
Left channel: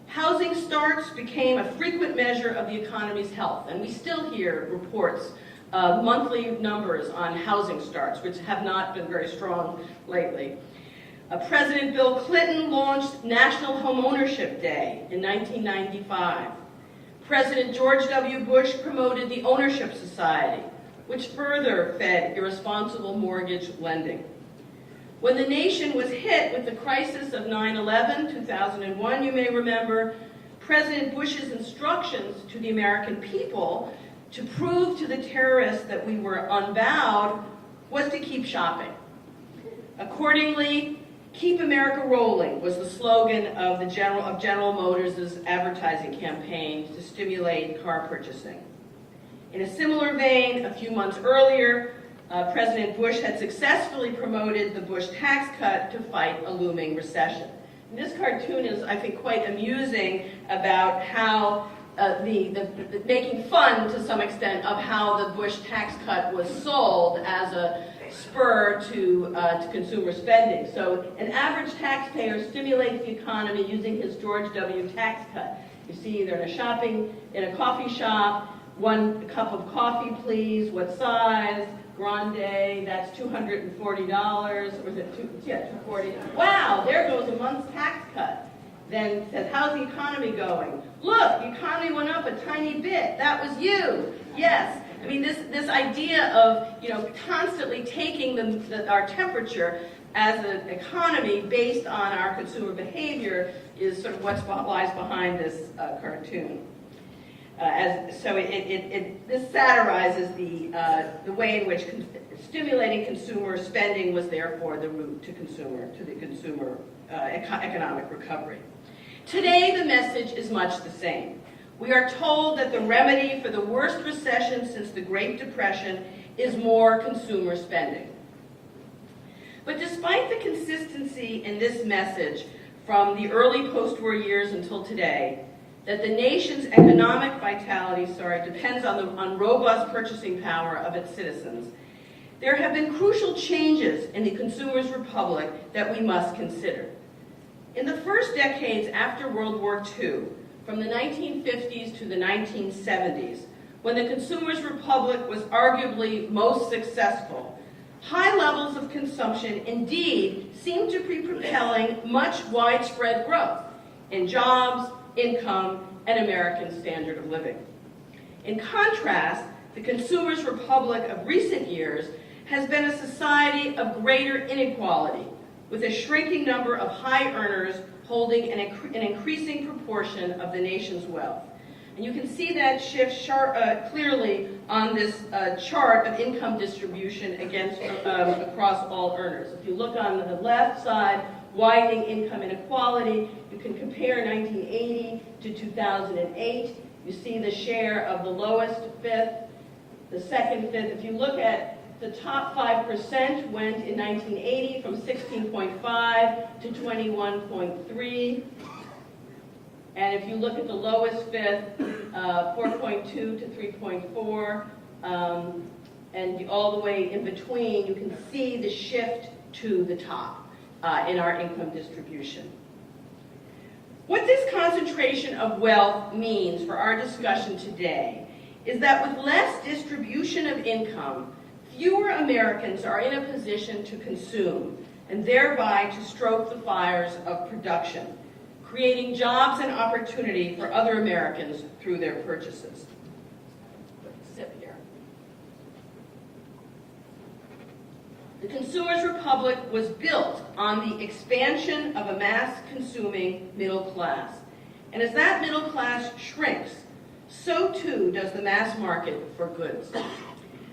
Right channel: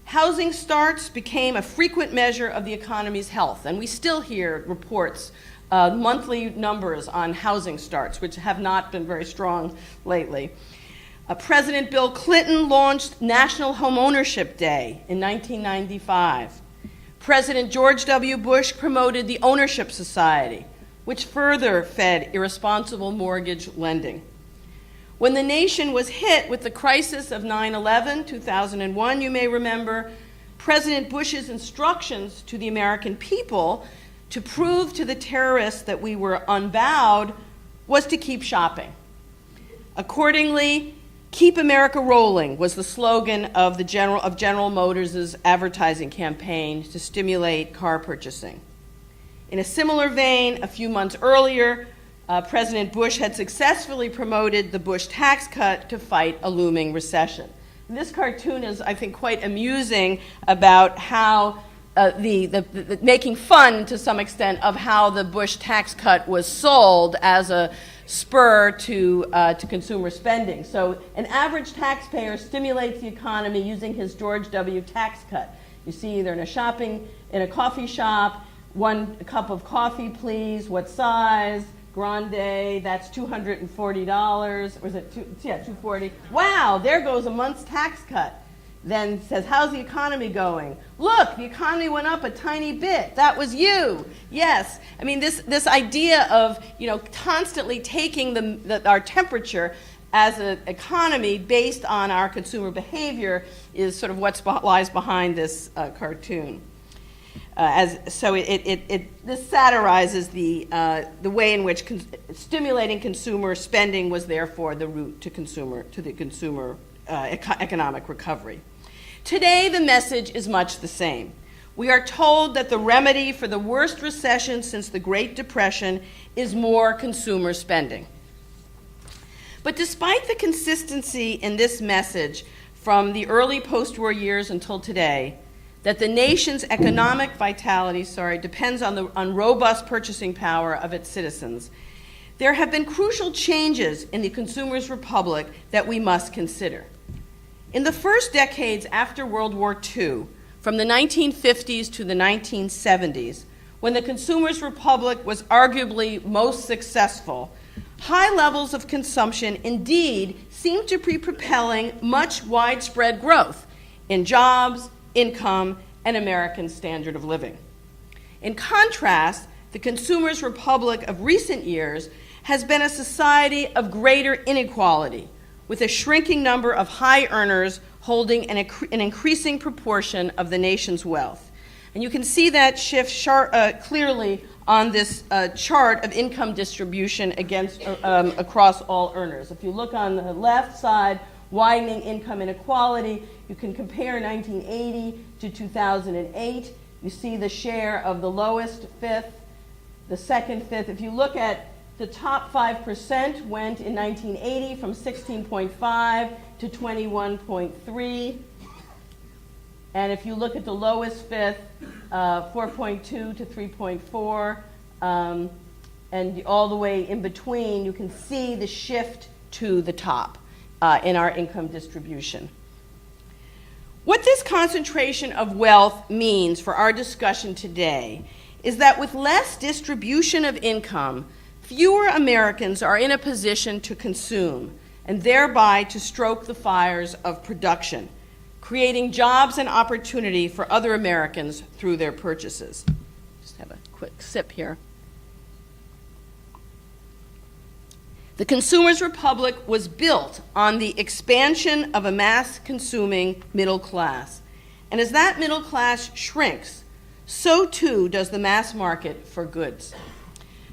Housing starts became a frequent measure of the economy's health, and we still hear reports, monthly numbers on housing starts, which have not been very strong lately. President Bill Clinton launched National Home Ownership Day in 1995. President George W. Bush promoted the Ownership Society, which further fed irresponsible mortgage lending. When the nation was hit with the crisis of 9/11, 2001, you may remember, President Bush's instructions to the American people to prove to the terrorists that we were unbowed was to keep shopping. Accordingly, "Keep America Rolling" was the slogan of General Motors' advertising campaign to stimulate car purchasing. In a similar vein, a few months earlier, President Bush had successfully promoted the Bush tax cut to fight a looming recession. And this cartoon is, I think, quite amusing about how making fun to some extent of how the Bush tax cut was sold as a spur to consumer spending. So an average taxpayer stimulates the economy using his George W. tax cut. You see, they're in a coffee shop, 1 cup of coffee, please, what size? Grande, that's $240, or is it $240? Wow, there goes a month's tax cut. Then says, how's the economy going? Look, the economy went up a tiny bit. That was you. Yes. I mean, this idea of, constantly taking our temperature as an economy based on our consumer behavior is sort of what lies behind this cartoon. This satirizes the way in which stimulating consumer spending was therefore the route to the consumer economic recovery. Today, the message is much the same. We are told that the remedy for the worst recession since the Great Depression is more consumer spending. But despite the consistency in this message from the early post-war years until today, that the nation's economic vitality, depends on robust purchasing power of its citizens, there have been crucial changes in the Consumers' Republic that we must consider. In the first decades after World War II, from the 1950s to the 1970s, when the Consumers' Republic was arguably most successful, high levels of consumption indeed seemed to be propelling much widespread growth in jobs, income, and American standard of living. In contrast, the Consumers' Republic of recent years has been a society of greater inequality, with a shrinking number of high earners holding an increasing proportion of the nation's wealth. And you can see that shift clearly on this chart of income distribution across all earners. If you look on the left side, widening income inequality, you can compare 1980 to 2008. You see the share of the lowest fifth, the second fifth. If you look at the top 5% went in 1980 from 16.5 to 21.3. And if you look at the lowest fifth, 4.2 to 3.4, and all the way in between, you can see the shift to the top in our income distribution. What this concentration of wealth means for our discussion today is that with less distribution of income, fewer Americans are in a position to consume and thereby to stoke the fires of production, creating jobs and opportunity for other Americans through their purchases. Just have a quick sip here. The Consumers' Republic was built on the expansion of a mass-consuming middle class. And as that middle class shrinks, so too does the mass market for goods.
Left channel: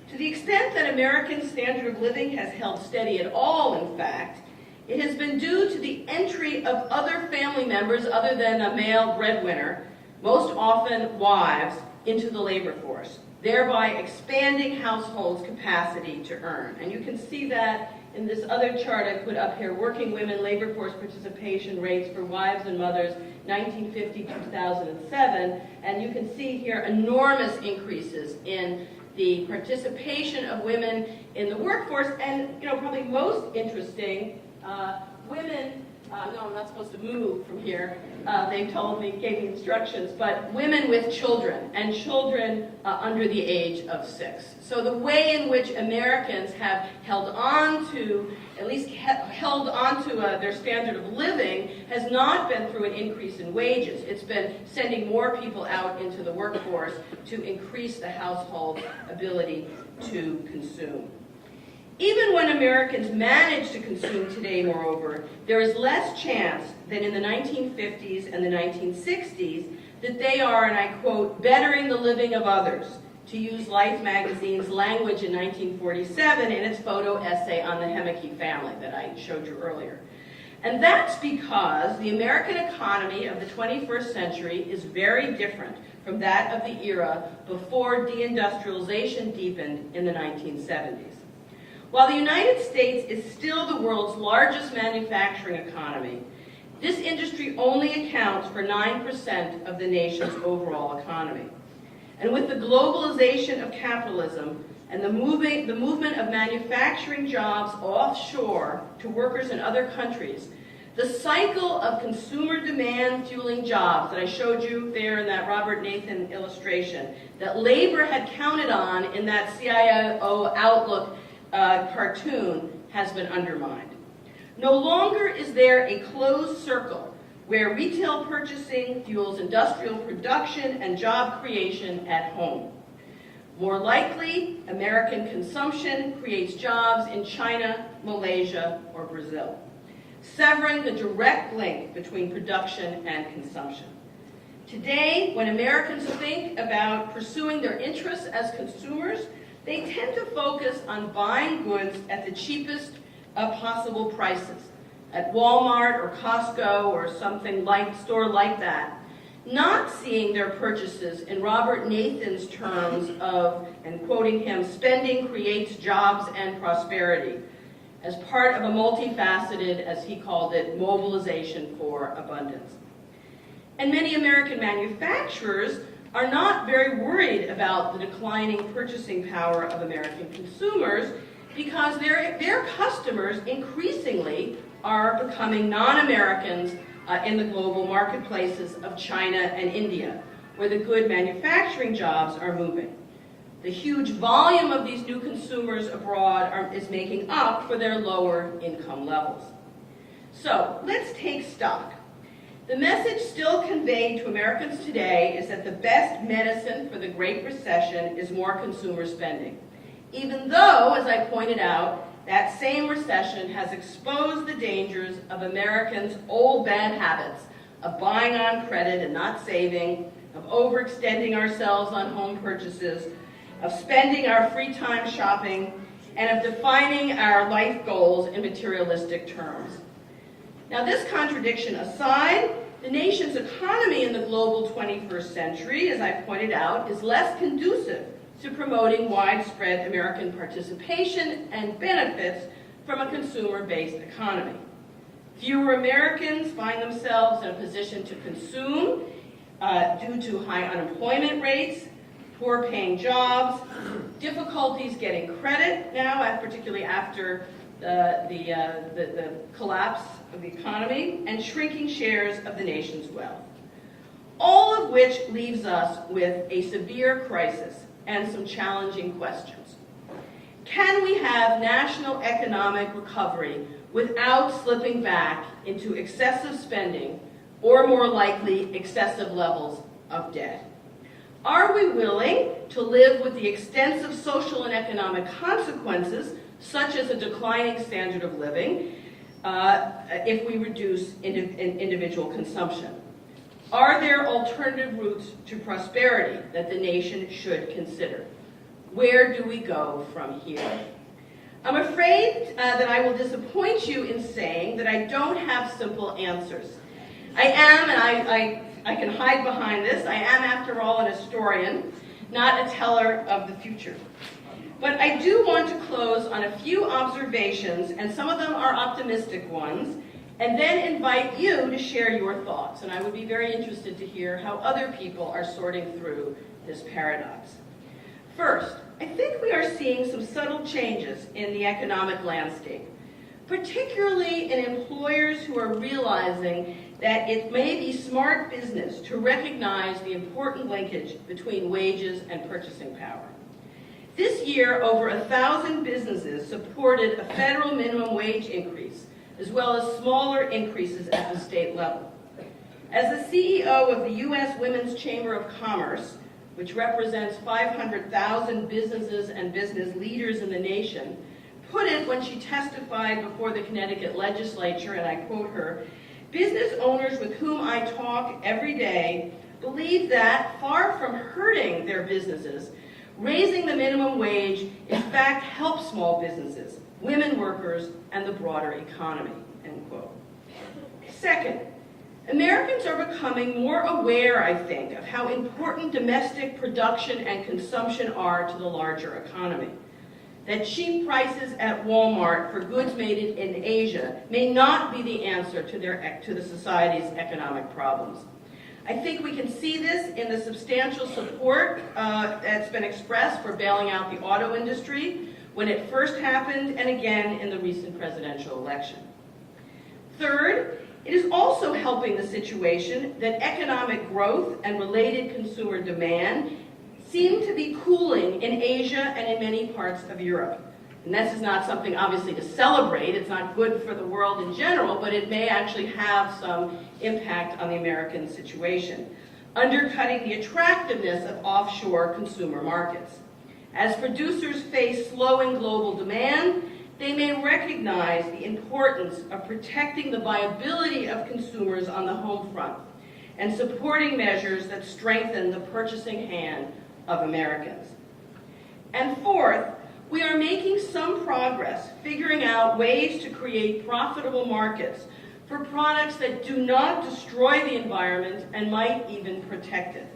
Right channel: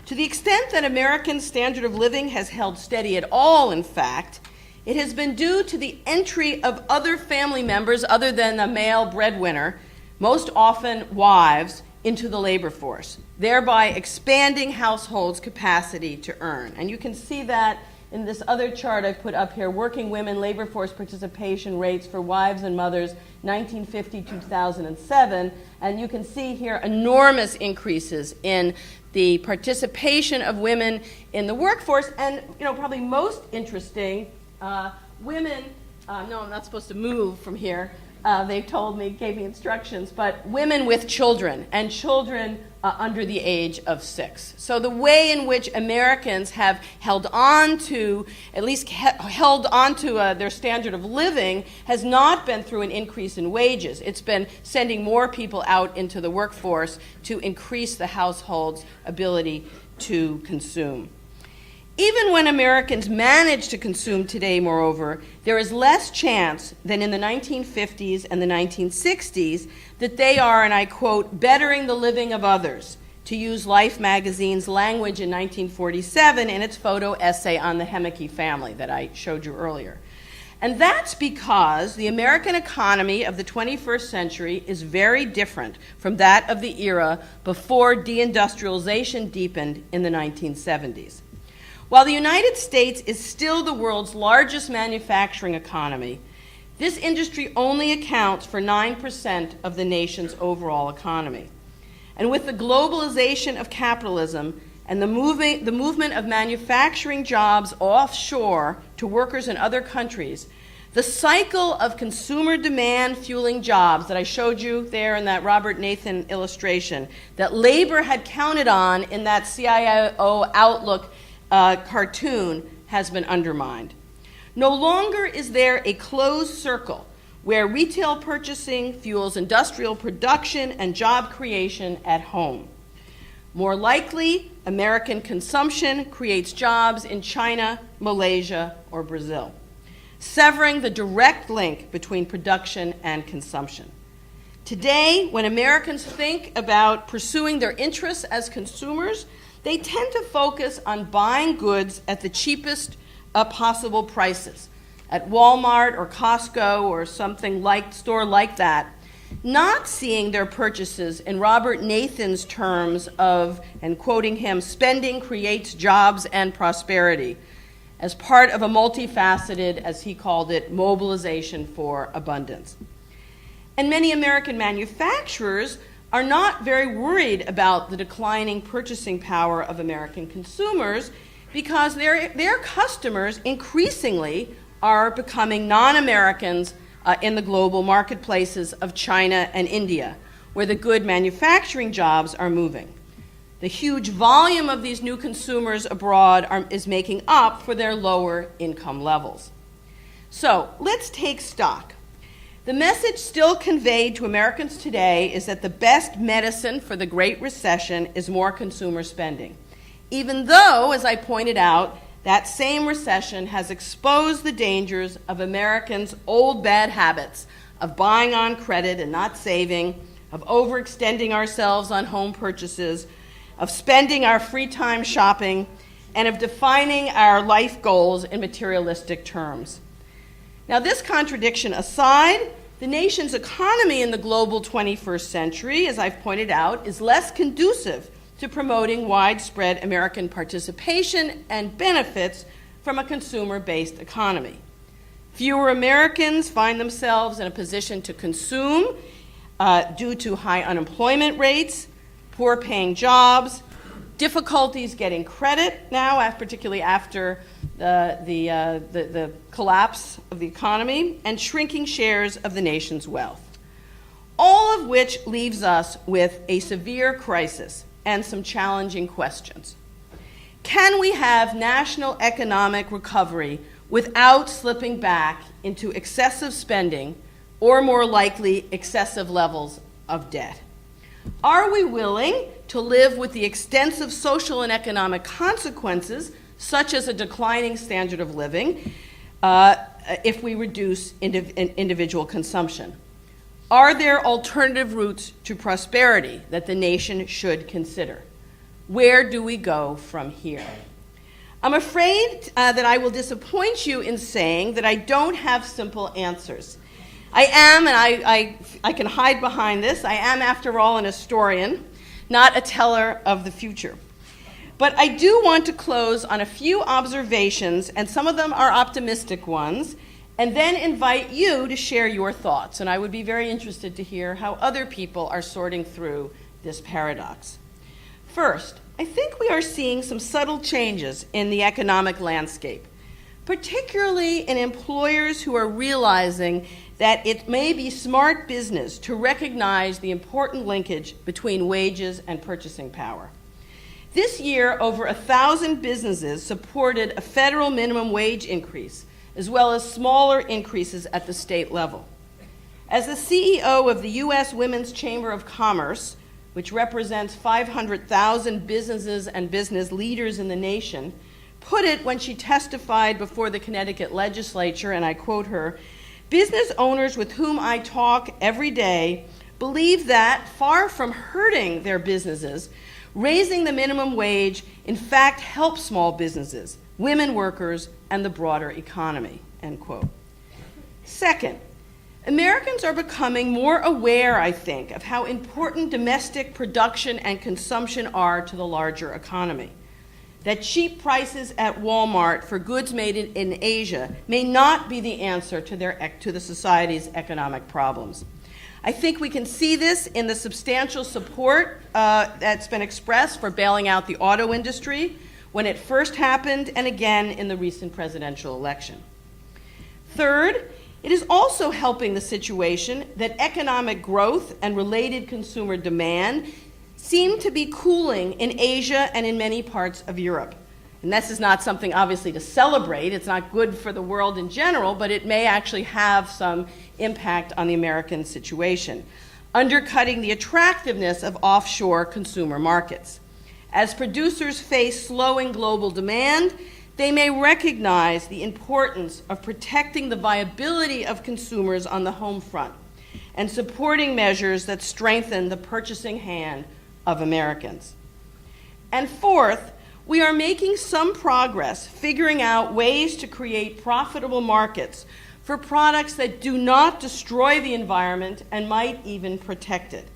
To the extent that American standard of living has held steady at all, in fact, it has been due to the entry of other family members other than the male breadwinner, most often wives, into the labor force, thereby expanding households' capacity to earn. And you can see that in this other chart I put up here, working women labor force participation rates for wives and mothers, 1950 to 2007. And you can see here enormous increases in the participation of women in the workforce. And probably most interesting, women, no, I'm not supposed to move from here. They told me, gave me instructions, but women with children, and children under the age of 6. So the way in which Americans have held on to, at least held on to their standard of living has not been through an increase in wages. It's been sending more people out into the workforce to increase the household's ability to consume. Even when Americans manage to consume today, moreover, there is less chance than in the 1950s and the 1960s that they are, and I quote, bettering the living of others, to use Life magazine's language in 1947 in its photo essay on the Hemeke family that I showed you earlier. And that's because the American economy of the 21st century is very different from that of the era before deindustrialization deepened in the 1970s. While the United States is still the world's largest manufacturing economy, this industry only accounts for 9% of the nation's overall economy. And with the globalization of capitalism and the movement of manufacturing jobs offshore to workers in other countries, the cycle of consumer demand fueling jobs that I showed you there in that Robert Nathan illustration, that labor had counted on in that CIO Outlook cartoon, has been undermined. No longer is there a closed circle where retail purchasing fuels industrial production and job creation at home. More likely, American consumption creates jobs in China, Malaysia, or Brazil, severing the direct link between production and consumption. Today, when Americans think about pursuing their interests as consumers, they tend to focus on buying goods at the cheapest possible prices, at Walmart or Costco or something like store like that, not seeing their purchases in Robert Nathan's terms of, and quoting him, spending creates jobs and prosperity, as part of a multifaceted, as he called it, mobilization for abundance. And many American manufacturers are not very worried about the declining purchasing power of American consumers because their customers increasingly are becoming non-Americans in the global marketplaces of China and India, where the good manufacturing jobs are moving. The huge volume of these new consumers abroad is making up for their lower income levels. So let's take stock. The message still conveyed to Americans today is that the best medicine for the Great Recession is more consumer spending, even though, as I pointed out, that same recession has exposed the dangers of Americans' old bad habits of buying on credit and not saving, of overextending ourselves on home purchases, of spending our free time shopping, and of defining our life goals in materialistic terms. Now, this contradiction aside, the nation's economy in the global 21st century, as I've pointed out, is less conducive to promoting widespread American participation and benefits from a consumer-based economy. Fewer Americans find themselves in a position to consume due to high unemployment rates, poor paying jobs, difficulties getting credit now, particularly after the collapse of the economy, and shrinking shares of the nation's wealth. All of which leaves us with a severe crisis and some challenging questions. Can we have national economic recovery without slipping back into excessive spending or, more likely, excessive levels of debt? Are we willing to live with the extensive social and economic consequences, such as a declining standard of living, if we reduce individual consumption? Are there alternative routes to prosperity that the nation should consider? Where do we go from here? I'm afraid that I will disappoint you in saying that I don't have simple answers. I am, and I can hide behind this, I am, after all, an historian, not a teller of the future. But I do want to close on a few observations, and some of them are optimistic ones, and then invite you to share your thoughts. And I would be very interested to hear how other people are sorting through this paradox. First, I think we are seeing some subtle changes in the economic landscape, particularly in employers who are realizing that it may be smart business to recognize the important linkage between wages and purchasing power. This year, over 1,000 businesses supported a federal minimum wage increase, as well as smaller increases at the state level. As the CEO of the U.S. Women's Chamber of Commerce, which represents 500,000 businesses and business leaders in the nation, put it when she testified before the Connecticut legislature, and I quote her, "Business owners with whom I talk every day believe that, far from hurting their businesses, raising the minimum wage in fact helps small businesses, women workers, and the broader economy," end quote. Second, Americans are becoming more aware, I think, of how important domestic production and consumption are to the larger economy. That cheap prices at Walmart for goods made in Asia may not be the answer to the society's economic problems. I think we can see this in the substantial support that's been expressed for bailing out the auto industry when it first happened, and again in the recent presidential election. Third, it is also helping the situation that economic growth and related consumer demand seem to be cooling in Asia and in many parts of Europe. And this is not something, obviously, to celebrate. It's not good for the world in general, but it may actually have some impact on the American situation, undercutting the attractiveness of offshore consumer markets. As producers face slowing global demand, they may recognize the importance of protecting the viability of consumers on the home front and supporting measures that strengthen the purchasing hand of Americans. And fourth, we are making some progress figuring out ways to create profitable markets for products that do not destroy the environment and might even protect it.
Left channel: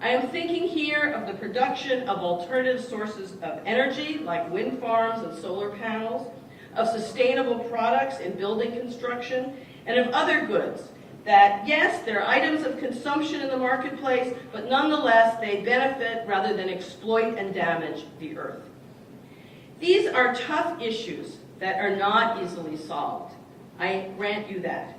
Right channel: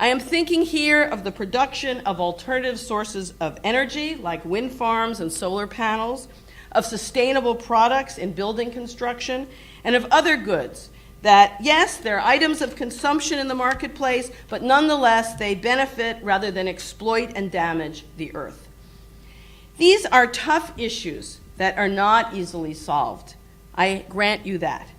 I am thinking here of the production of alternative sources of energy, like wind farms and solar panels, of sustainable products in building construction, and of other goods that yes, there are items of consumption in the marketplace, but nonetheless they benefit rather than exploit and damage the earth. These are tough issues that are not easily solved. I grant you that.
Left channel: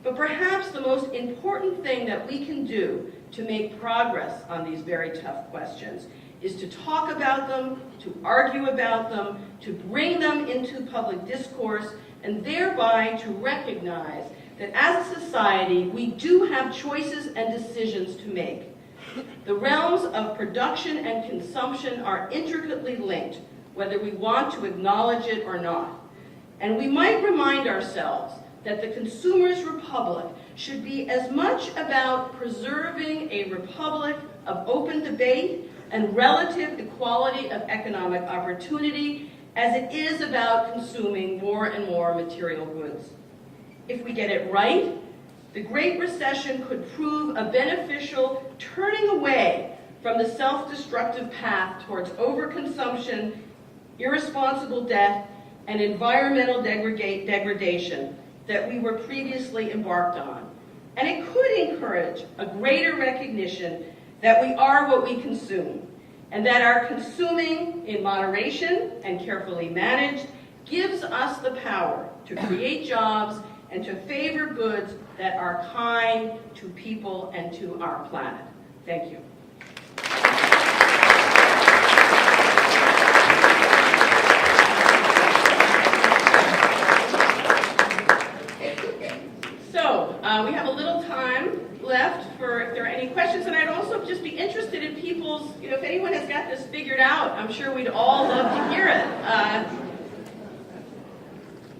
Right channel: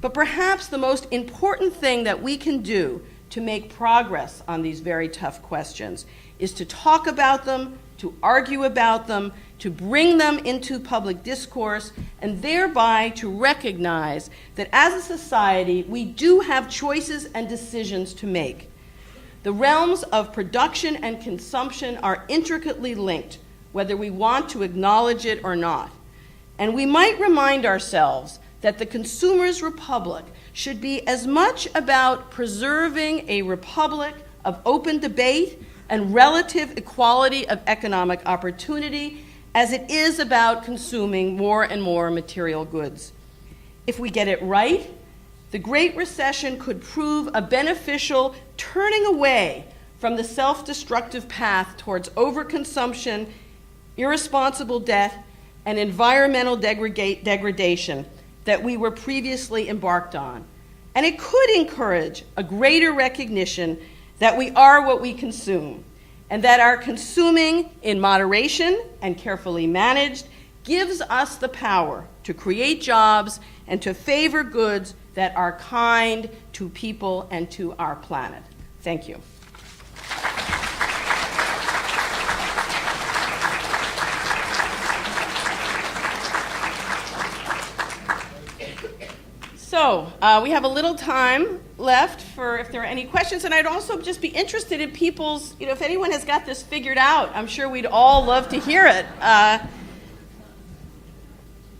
But perhaps the most important thing that we can do to make progress on these very tough questions is to talk about them, to argue about them, to bring them into public discourse, and thereby to recognize that as a society, we do have choices and decisions to make. The realms of production and consumption are intricately linked, whether we want to acknowledge it or not. And we might remind ourselves that the consumer's republic should be as much about preserving a republic of open debate and relative equality of economic opportunity as it is about consuming more and more material goods. If we get it right, the Great Recession could prove a beneficial turning away from the self-destructive path towards overconsumption, irresponsible debt, and environmental degradation that we were previously embarked on. And it could encourage a greater recognition that we are what we consume, and that our consuming in moderation and carefully managed gives us the power to create jobs and to favor goods that are kind to people and to our planet. Thank you. So we have a little time left for if there are any questions, and I'd also just be interested in people's, if anyone has got this figured out, I'm sure we'd all love to hear it.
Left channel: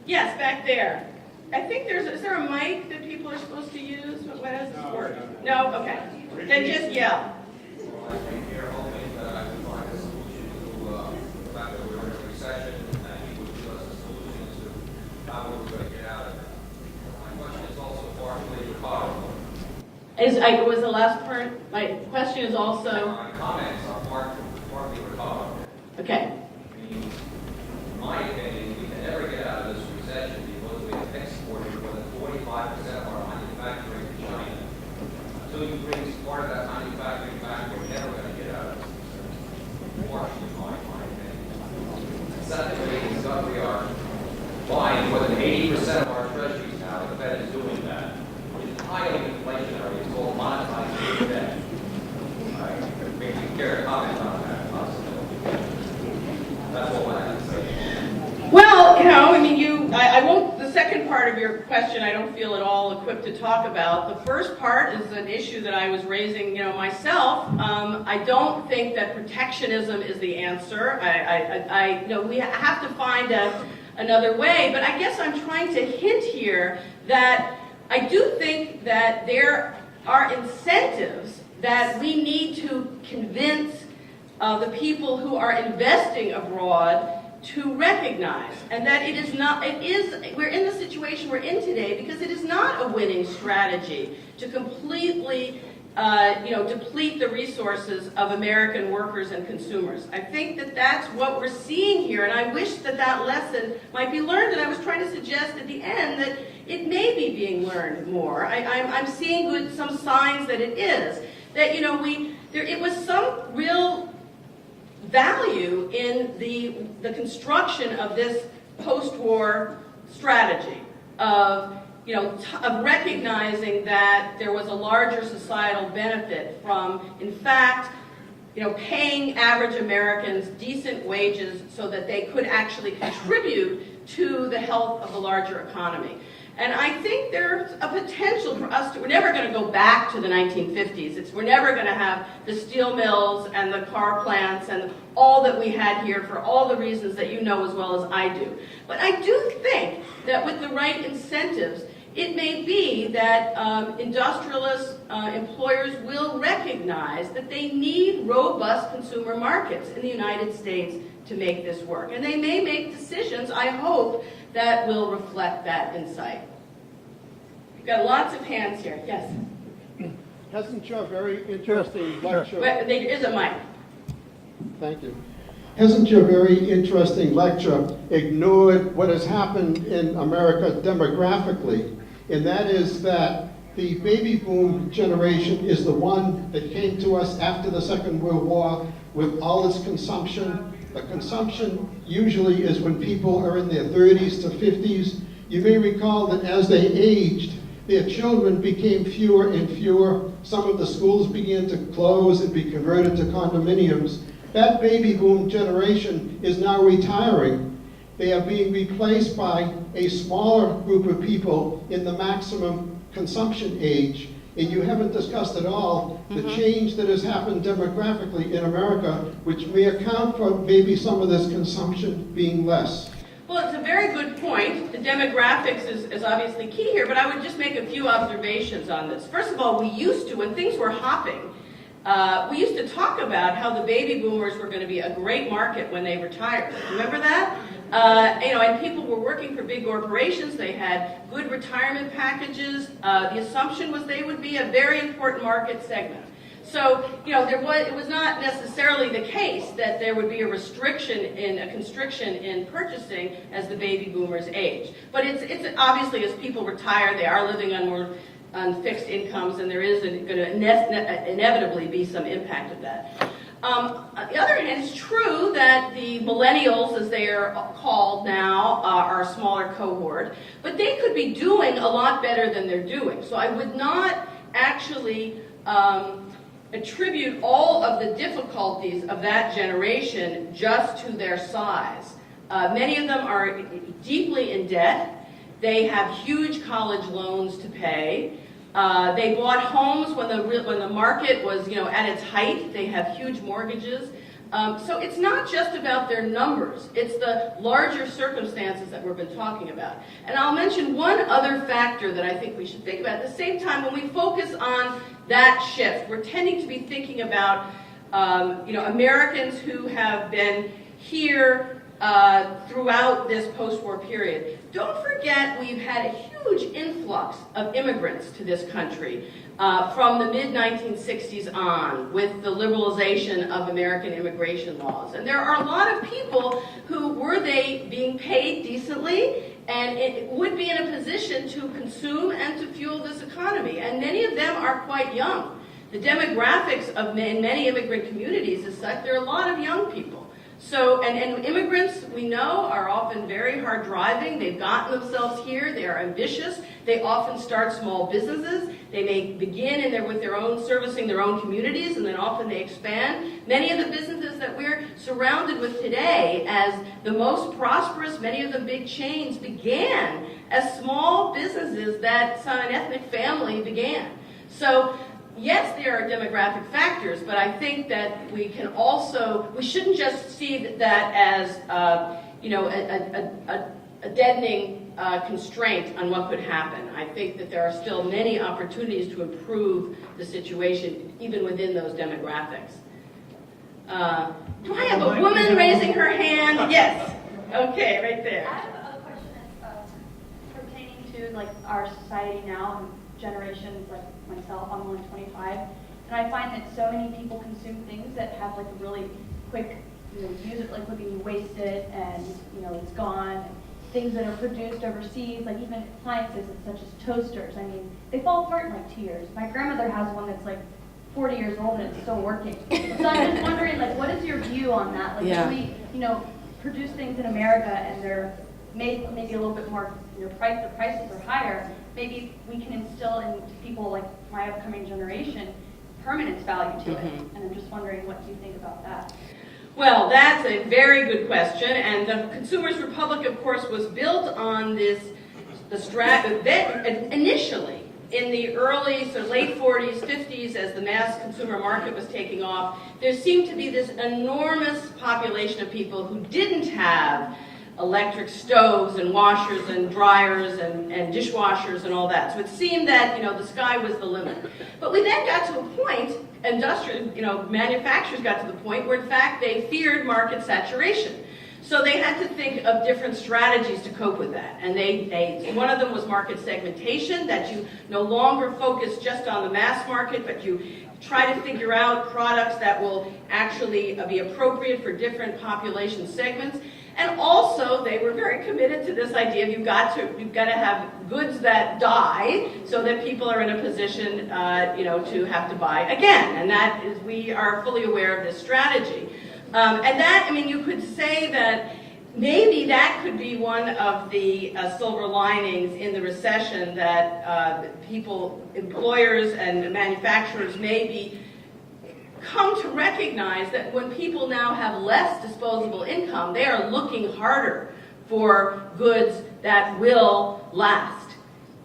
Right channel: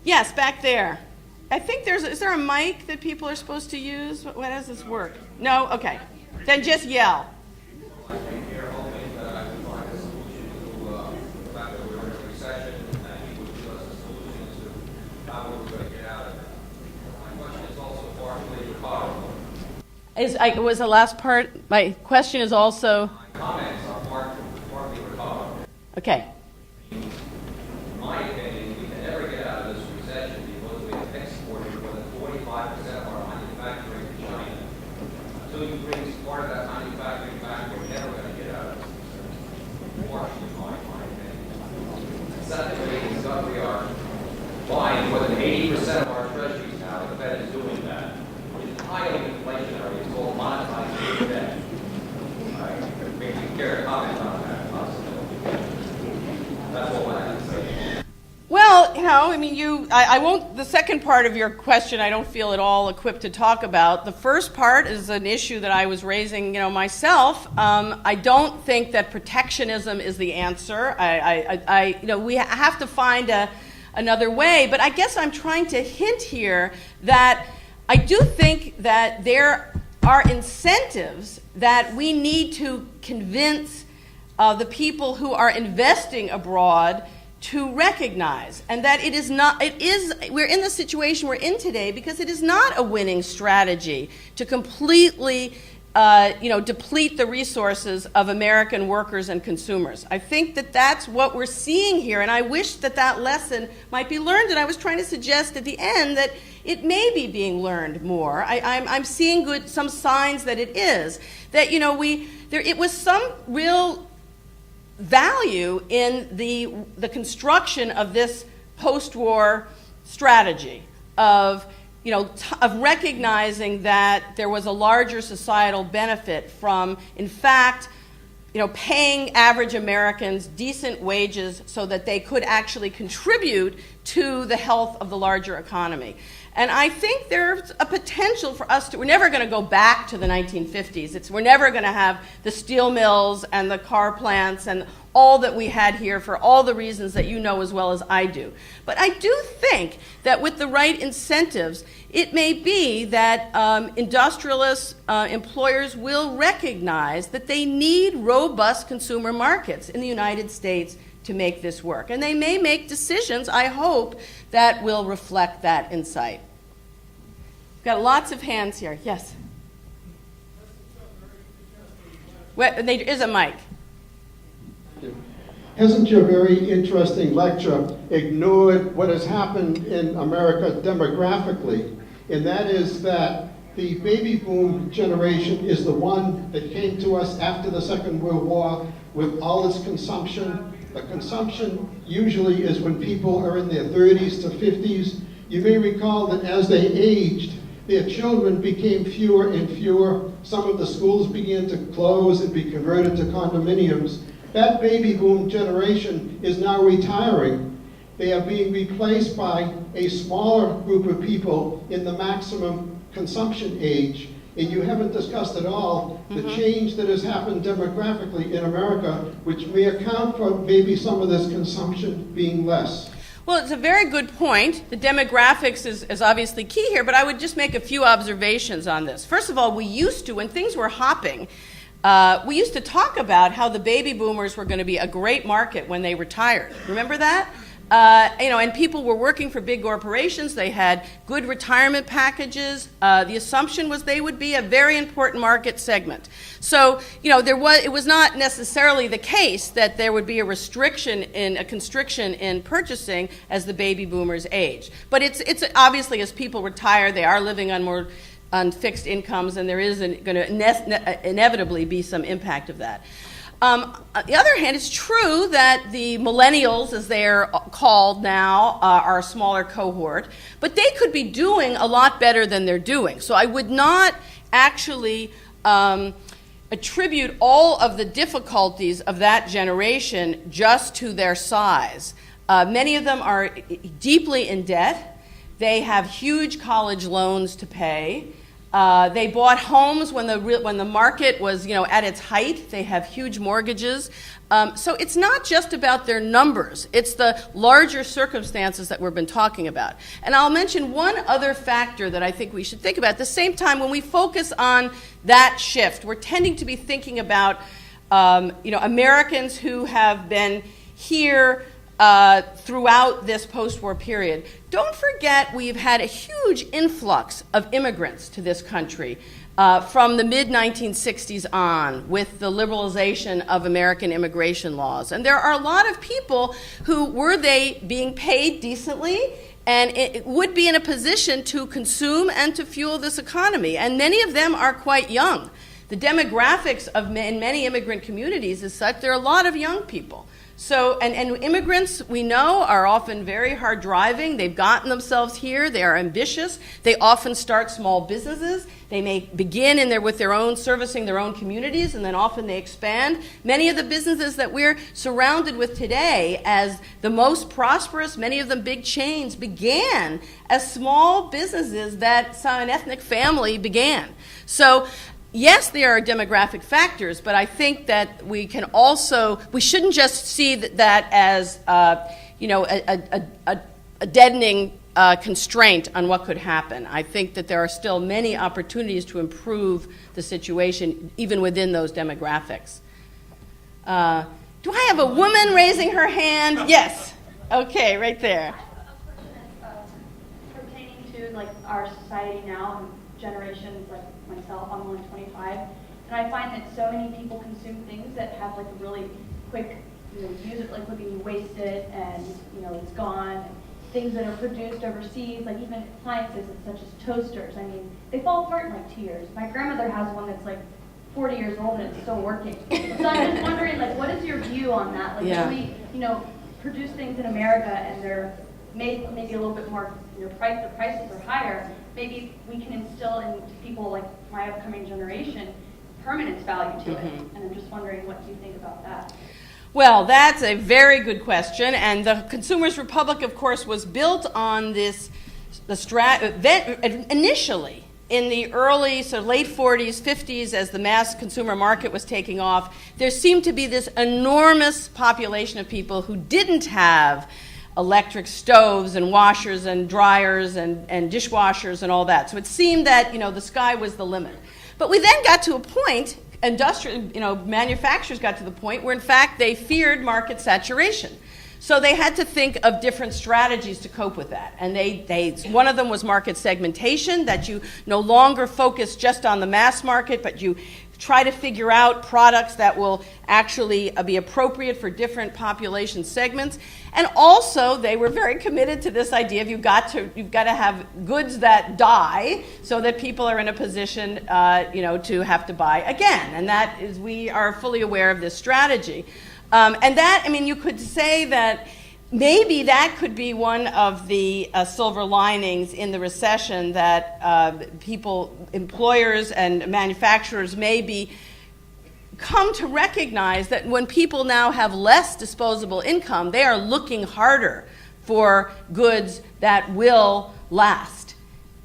Yes, back there. I think is there a mic that people are supposed to use? How does this work? No? Okay. Then just yell. I think you're hoping that we find a solution to the fact that we're in a recession, and you would give us a solution to how we're going to get out of it. My question is also partially rhetorical. Was the last part? My question is also. My comments are partly rhetorical. Okay. In my opinion, we can never get out of this recession because we have exported more than 45% of our manufacturing to China. Until you bring part of that manufacturing back, we're never going to get out of this. Partially, my opinion. Secondly, we are buying more than 80% of our treasuries now. The Fed is doing that. It's highly inflationary. It's called monetizing debt. I maybe care to comment on that possibility. That's all I have to say. Well, I won't, the second part of your question I don't feel at all equipped to talk about. The first part is an issue that I was raising, myself. I don't think that protectionism is the answer. We have to find another way, but I guess I'm trying to hint here that I do think that there are incentives that we need to convince the people who are investing abroad to recognize, and that we're in the situation we're in today because it is not a winning strategy to completely deplete the resources of American workers and consumers. I think that that's what we're seeing here, and I wish that lesson might be learned, and I was trying to suggest at the end that it may be being learned more. I'm seeing some signs that it is. That, it was some real value in the construction of this post-war strategy of recognizing that there was a larger societal benefit from, in fact, paying average Americans decent wages so that they could actually contribute to the health of the larger economy. And I think there's a potential for us we're never going to go back to the 1950s. We're never going to have the steel mills and the car plants and all that we had here for all the reasons that you know as well as I do. But I do think that with the right incentives, it may be that industrialists, employers will recognize that they need robust consumer markets in the United States to make this work. And they may make decisions, I hope, that will reflect that insight. We've got lots of hands here. Yes? Hasn't your very interesting lecture... There is a mic. Thank you. Hasn't your very interesting lecture ignored what has happened in America demographically? And that is that the baby boom generation is the one that came to us after the Second World War with all its consumption. The consumption usually is when people are in their 30s to 50s. You may recall that as they aged, their children became fewer and fewer. Some of the schools began to close and be converted to condominiums. That baby boom generation is now retiring. They are being replaced by a smaller group of people in the maximum consumption age. And you haven't discussed at all the change that has happened demographically in America, which may account for maybe some of this consumption being less. Well, it's a very good point. The demographics is obviously key here, but I would just make a few observations on this. First of all, we used to, when things were hopping, we used to talk about how the baby boomers were going to be a great market when they retired. Remember that? And people were working for big corporations. They had good retirement packages. The assumption was they would be a very important market segment. So, it was not necessarily the case that there would be a constriction in purchasing as the baby boomers age. But it's obviously, as people retire, they are living on fixed incomes, and there is going to inevitably be some impact of that. On the other hand, it's true that the millennials, as they are called now, are a smaller cohort, but they could be doing a lot better than they're doing. So I would not actually attribute all of the difficulties of that generation just to their size. Many of them are deeply in debt. They have huge college loans to pay. They bought homes when the market was, at its height. They have huge mortgages. So it's not just about their numbers. It's the larger circumstances that we've been talking about. And I'll mention one other factor that I think we should think about. At the same time, when we focus on that shift, we're tending to be thinking about, Americans who have been here throughout this post-war period. Don't forget we've had a huge influx of immigrants to this country from the mid-1960s on with the liberalization of American immigration laws. And there are a lot of people who, were they being paid decently, and it would be in a position to consume and to fuel this economy. And many of them are quite young. The demographics in many immigrant communities is such there are a lot of young people. So, and immigrants, we know, are often very hard driving. They've gotten themselves here. They are ambitious. They often start small businesses. They may begin servicing their own communities, and then often they expand. Many of the businesses that we're surrounded with today as the most prosperous, many of them big chains, began as small businesses that an ethnic family began. So, yes, there are demographic factors, but I think that we shouldn't just see that as, a deadening constraint on what could happen. I think that there are still many opportunities to improve the situation, even within those demographics. Do I have a woman raising her hand? Yes. Okay, right there. I have a question that's pertaining to our society now and generations like myself. I'm only 25, and I find that so many people consume things that have a really quick, use it quick and you waste it, and it's gone. Things that are produced overseas, like even appliances such as toasters. I mean, they fall apart in 2 years. My grandmother has one that's 40 years old and it's still working. So I'm just wondering, what is your view on that? Yeah. Do we, produce things in America and they're maybe a little bit more, the prices are higher. Maybe we can instill in people like my upcoming generation permanence value to it. And I'm just wondering, what do you think about that? Well, that's a very good question, and the Consumers Republic, of course, was built on initially in the early, late 40s, 50s, as the mass consumer market was taking off. There seemed to be this enormous population of people who didn't have electric stoves and washers and dryers and dishwashers and all that. So it seemed that the sky was the limit. But we then got to a point, manufacturers got to the point where in fact they feared market saturation. So they had to think of different strategies to cope with that. And one of them was market segmentation, that you no longer focus just on the mass market, but you try to figure out products that will actually be appropriate for different population segments. And also, they were very committed to this idea of you've got to have goods that die so that people are in a position, to have to buy again. And that is, we are fully aware of this strategy. And that, I mean, you could say that maybe that could be one of the silver linings in the recession, that employers and manufacturers maybe come to recognize that when people now have less disposable income, they are looking harder for goods that will last.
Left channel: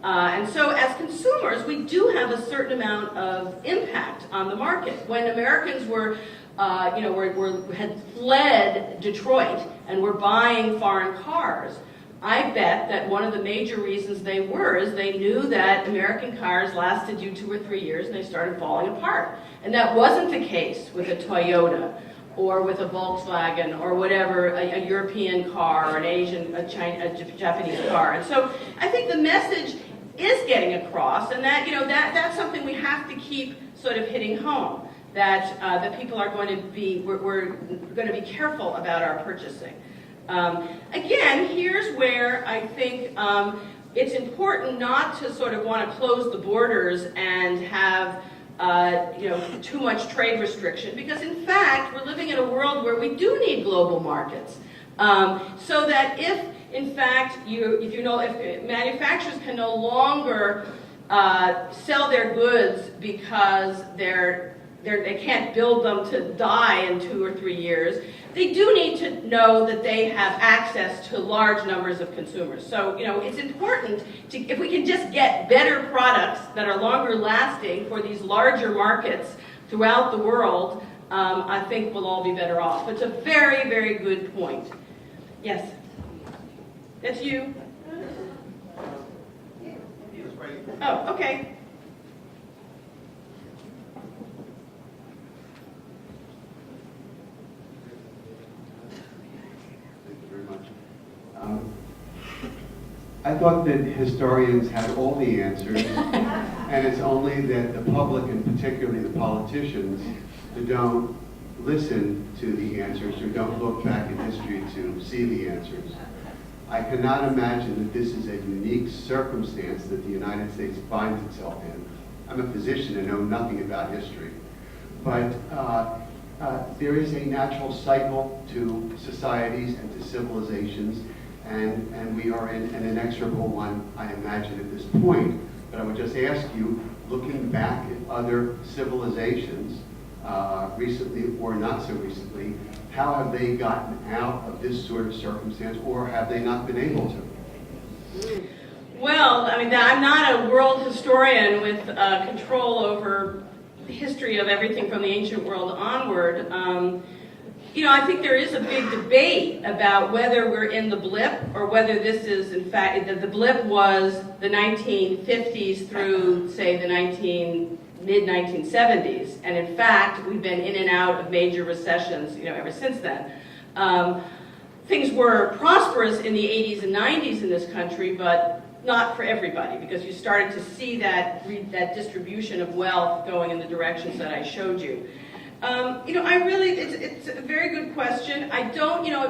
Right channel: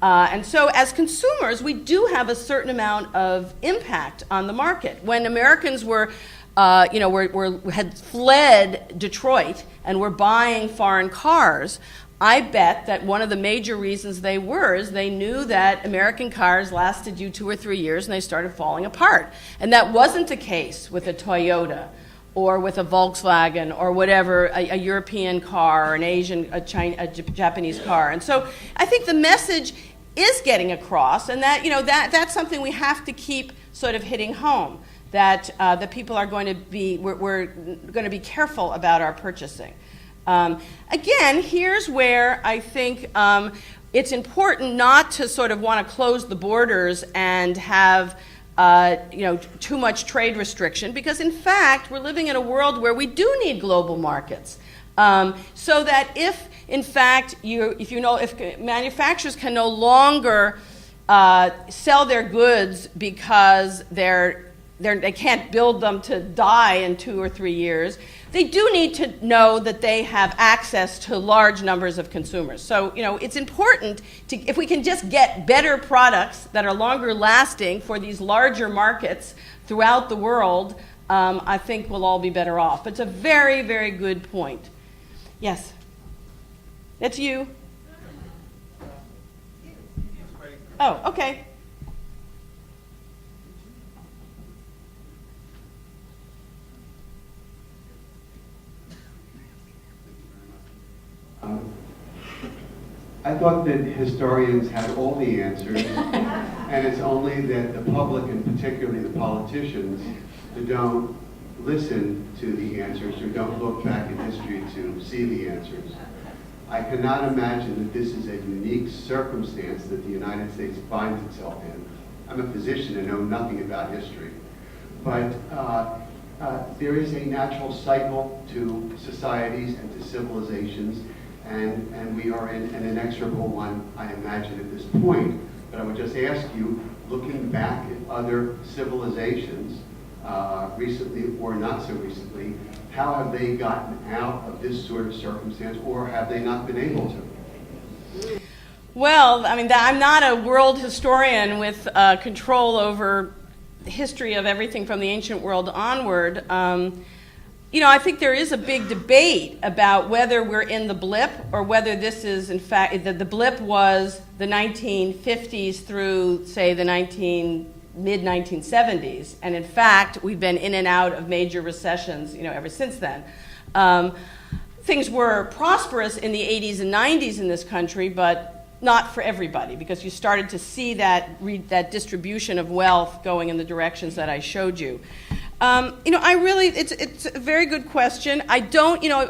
And so as consumers, we do have a certain amount of impact on the market. When Americans had fled Detroit and were buying foreign cars, I bet that one of the major reasons they were is they knew that American cars lasted you 2 or 3 years and they started falling apart. And that wasn't the case with a Toyota or with a Volkswagen or whatever, a European car or an Asian, a Japanese car. And so I think the message is getting across, and that, that's something we have to keep sort of hitting home, that people are going to be, we're going to be careful about our purchasing. Again, here's where I think it's important not to sort of want to close the borders and have too much trade restriction, because in fact we're living in a world where we do need global markets. So that if in fact if manufacturers can no longer sell their goods because they can't build them to die in 2 or 3 years, they do need to know that they have access to large numbers of consumers. So, it's important if we can just get better products that are longer lasting for these larger markets throughout the world, I think we'll all be better off. It's a very, very good point. Yes? That's you? Oh, okay. I thought that historians had all the answers, and it's only that the public, and particularly the politicians, who don't listen to the answers or don't look back in history to see the answers. I cannot imagine that this is a unique circumstance that the United States finds itself in. I'm a physician and know nothing about history, but there is a natural cycle to societies and to civilizations, and we are in an inexorable one, I imagine, at this point. But I would just ask you, looking back at other civilizations, recently or not so recently, how have they gotten out of this sort of circumstance, or have they not been able to? Well, I mean, I'm not a world historian with control over the history of everything from the ancient world onward. I think there is a big debate about whether we're in the blip or whether this is, in fact, the blip was the 1950s through, say, the mid-1970s. And in fact, we've been in and out of major recessions, ever since then. Things were prosperous in the 80s and 90s in this country, but not for everybody, because you started to see that distribution of wealth going in the directions that I showed you. It's a very good question. I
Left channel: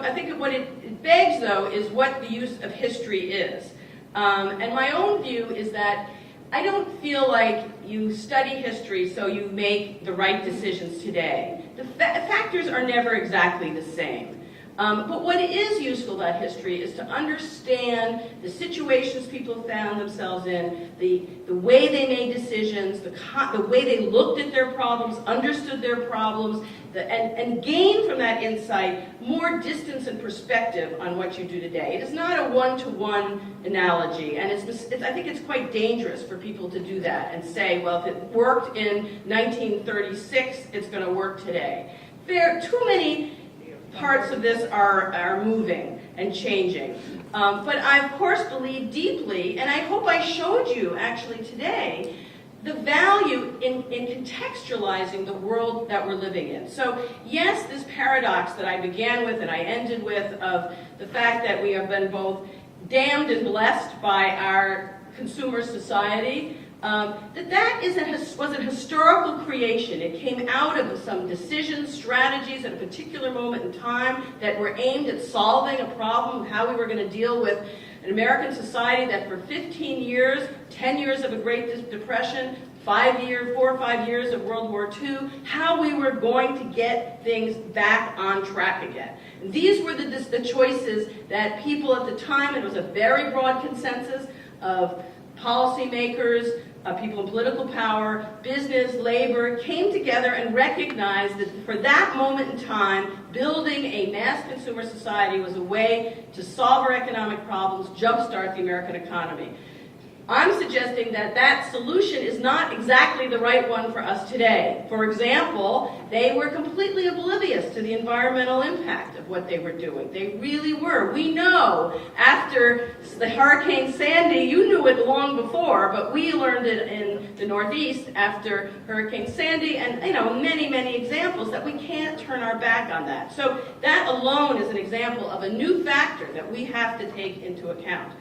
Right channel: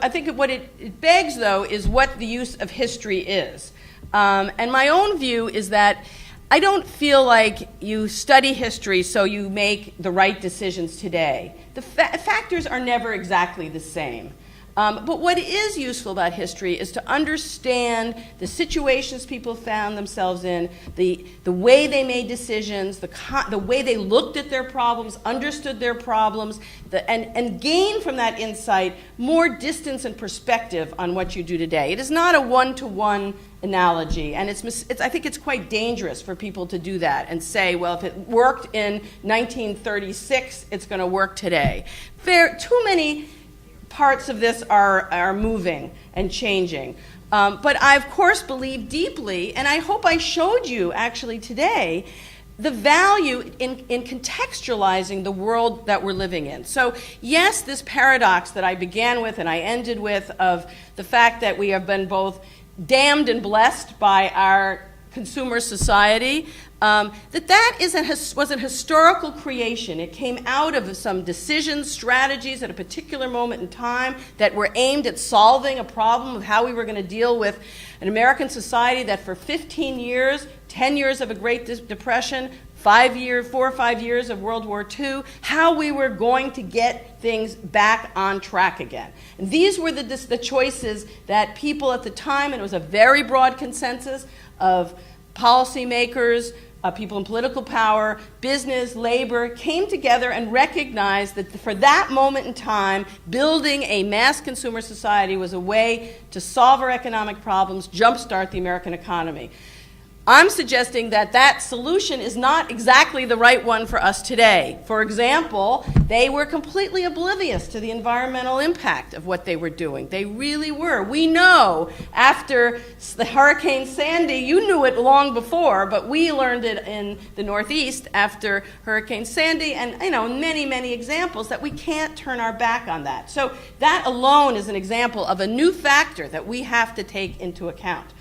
think what it begs, though, is what the use of history is. And my own view is that I don't feel like you study history so you make the right decisions today. The factors are never exactly the same. But what is useful about history is to understand the situations people found themselves in, the way they made decisions, the way they looked at their problems, understood their problems, and gain from that insight more distance and perspective on what you do today. It is not a one-to-one analogy, and I think it's quite dangerous for people to do that and say, well, if it worked in 1936, it's going to work today. Too many parts of this are moving and changing. But I, of course, believe deeply, and I hope I showed you actually today, the value in contextualizing the world that we're living in. So yes, this paradox that I began with and I ended with of the fact that we have been both damned and blessed by our consumer society, was a historical creation. It came out of some decisions, strategies at a particular moment in time that were aimed at solving a problem of how we were going to deal with an American society that for 15 years, 10 years of a Great Depression, 4 or 5 years of World War II, how we were going to get things back on track again. And these were the choices that people at the time, and it was a very broad consensus of policymakers, people in political power, business, labor, came together and recognized that for that moment in time, building a mass consumer society was a way to solve our economic problems, jumpstart the American economy. I'm suggesting that that solution is not exactly the right one for us today. For example, they were completely oblivious to the environmental impact of what they were doing. They really were. We know after the Hurricane Sandy, you knew it long before, but we learned it in the Northeast after Hurricane Sandy, and many, many examples that we can't turn our back on that. So that alone is an example of a new factor that we have to take into account.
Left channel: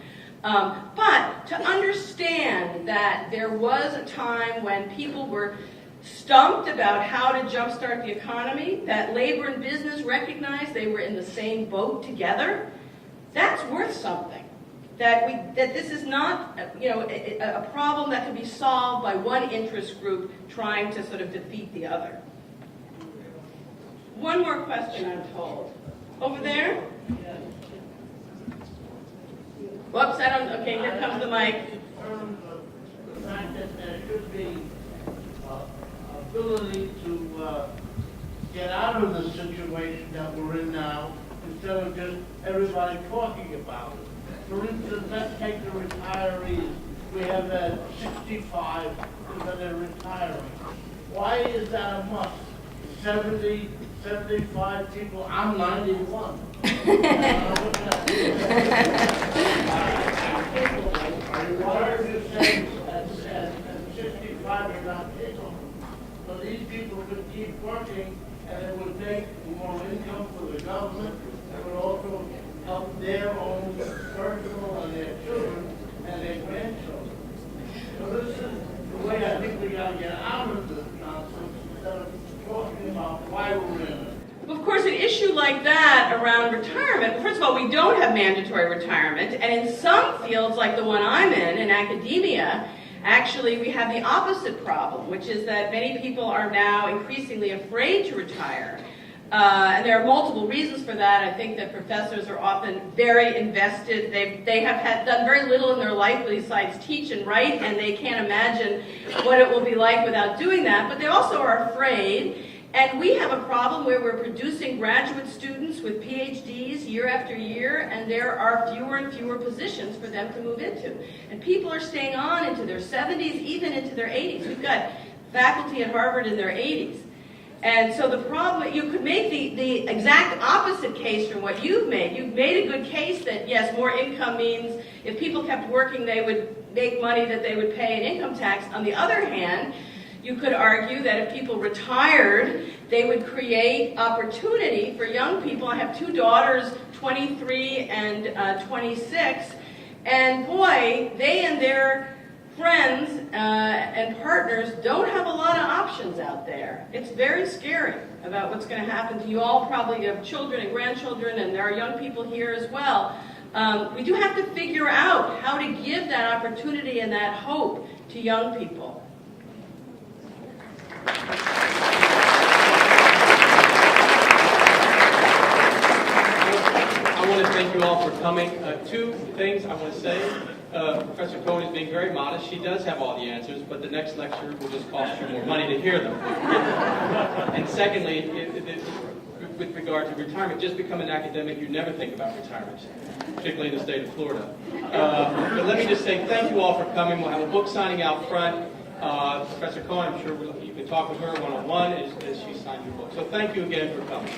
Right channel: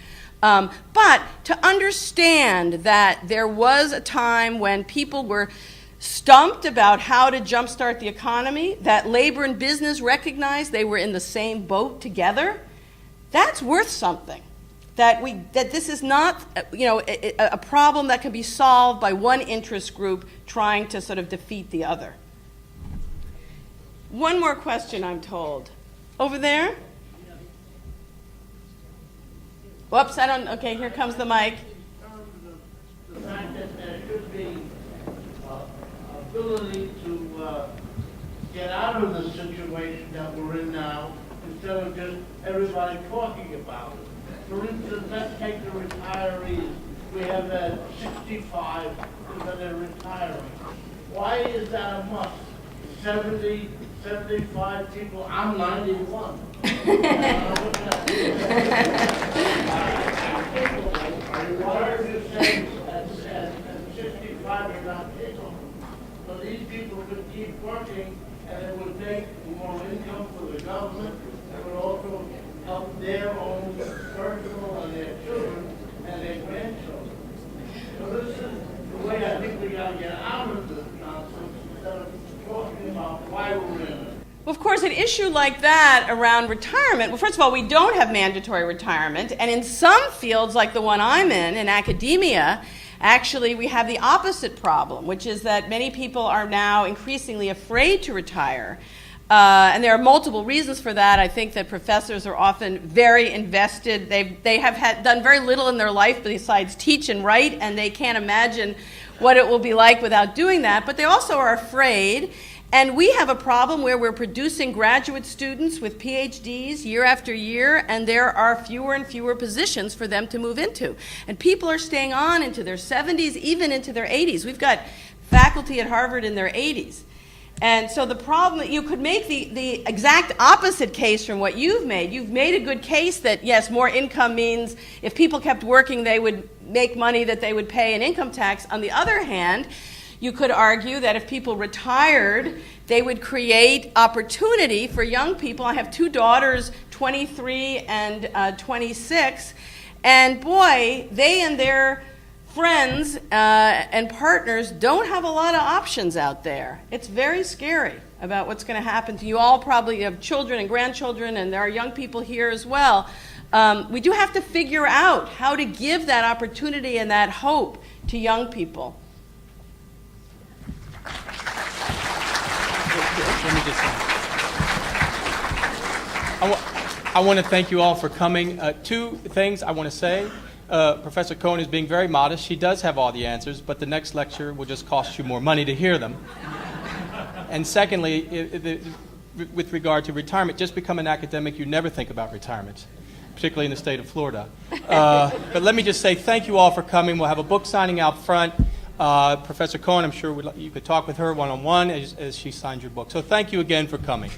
But to understand that there was a time when people were stumped about how to jumpstart the economy, that labor and business recognized they were in the same boat together, that's worth something. That this is not a problem that can be solved by one interest group trying to sort of defeat the other. One more question, I'm told. Over there? Whoops, okay, here comes the mic. The fact that there should be ability to get out of the situation that we're in now instead of just everybody talking about it. For instance, let's take the retirees. We have 65 that they're retiring. Why is that a must? 70, 75 people, I'm 91. Why are you saying at 65 you're not able? So these people could keep working and it would make more income for the government. It would also help their own personal and their children and their grandchildren. So this is the way I think we got to get out of this nonsense instead of talking about why we're in it. Of course, an issue like that around retirement, well, first of all, we don't have mandatory retirement, and in some fields like the one I'm in academia, actually we have the opposite problem, which is that many people are now increasingly afraid to retire. And there are multiple reasons for that. I think that professors are often very invested. They have done very little in their life besides teach and write, and they can't imagine what it will be like without doing that. But they also are afraid. And we have a problem where we're producing graduate students with PhDs year after year, and there are fewer and fewer positions for them to move into. And people are staying on into their 70s, even into their 80s. We've got faculty at Harvard in their 80s. And so the problem, you could make the exact opposite case from what you've made. You've made a good case that, yes, more income means if people kept working, they would make money that they would pay in income tax. On the other hand, you could argue that if people retired, they would create opportunity for young people. I have two daughters, 23 and 26, and boy, they and their friends and partners don't have a lot of options out there. It's very scary about what's going to happen to you. All probably have children and grandchildren, and there are young people here as well. We do have to figure out how to give that opportunity and that hope to young people. I want to thank you all for coming. Two things I want to say. Professor Cohen is being very modest. She does have all the answers, but the next lecture will just cost you more money to hear them. And secondly, with regard to retirement, just become an academic, you never think about retirement, particularly in the state of Florida. But let me just say thank you all for coming. We'll have a book signing out front. Professor Cohen, I'm sure you could talk with her one-on-one as she signs your book. So thank you again for coming.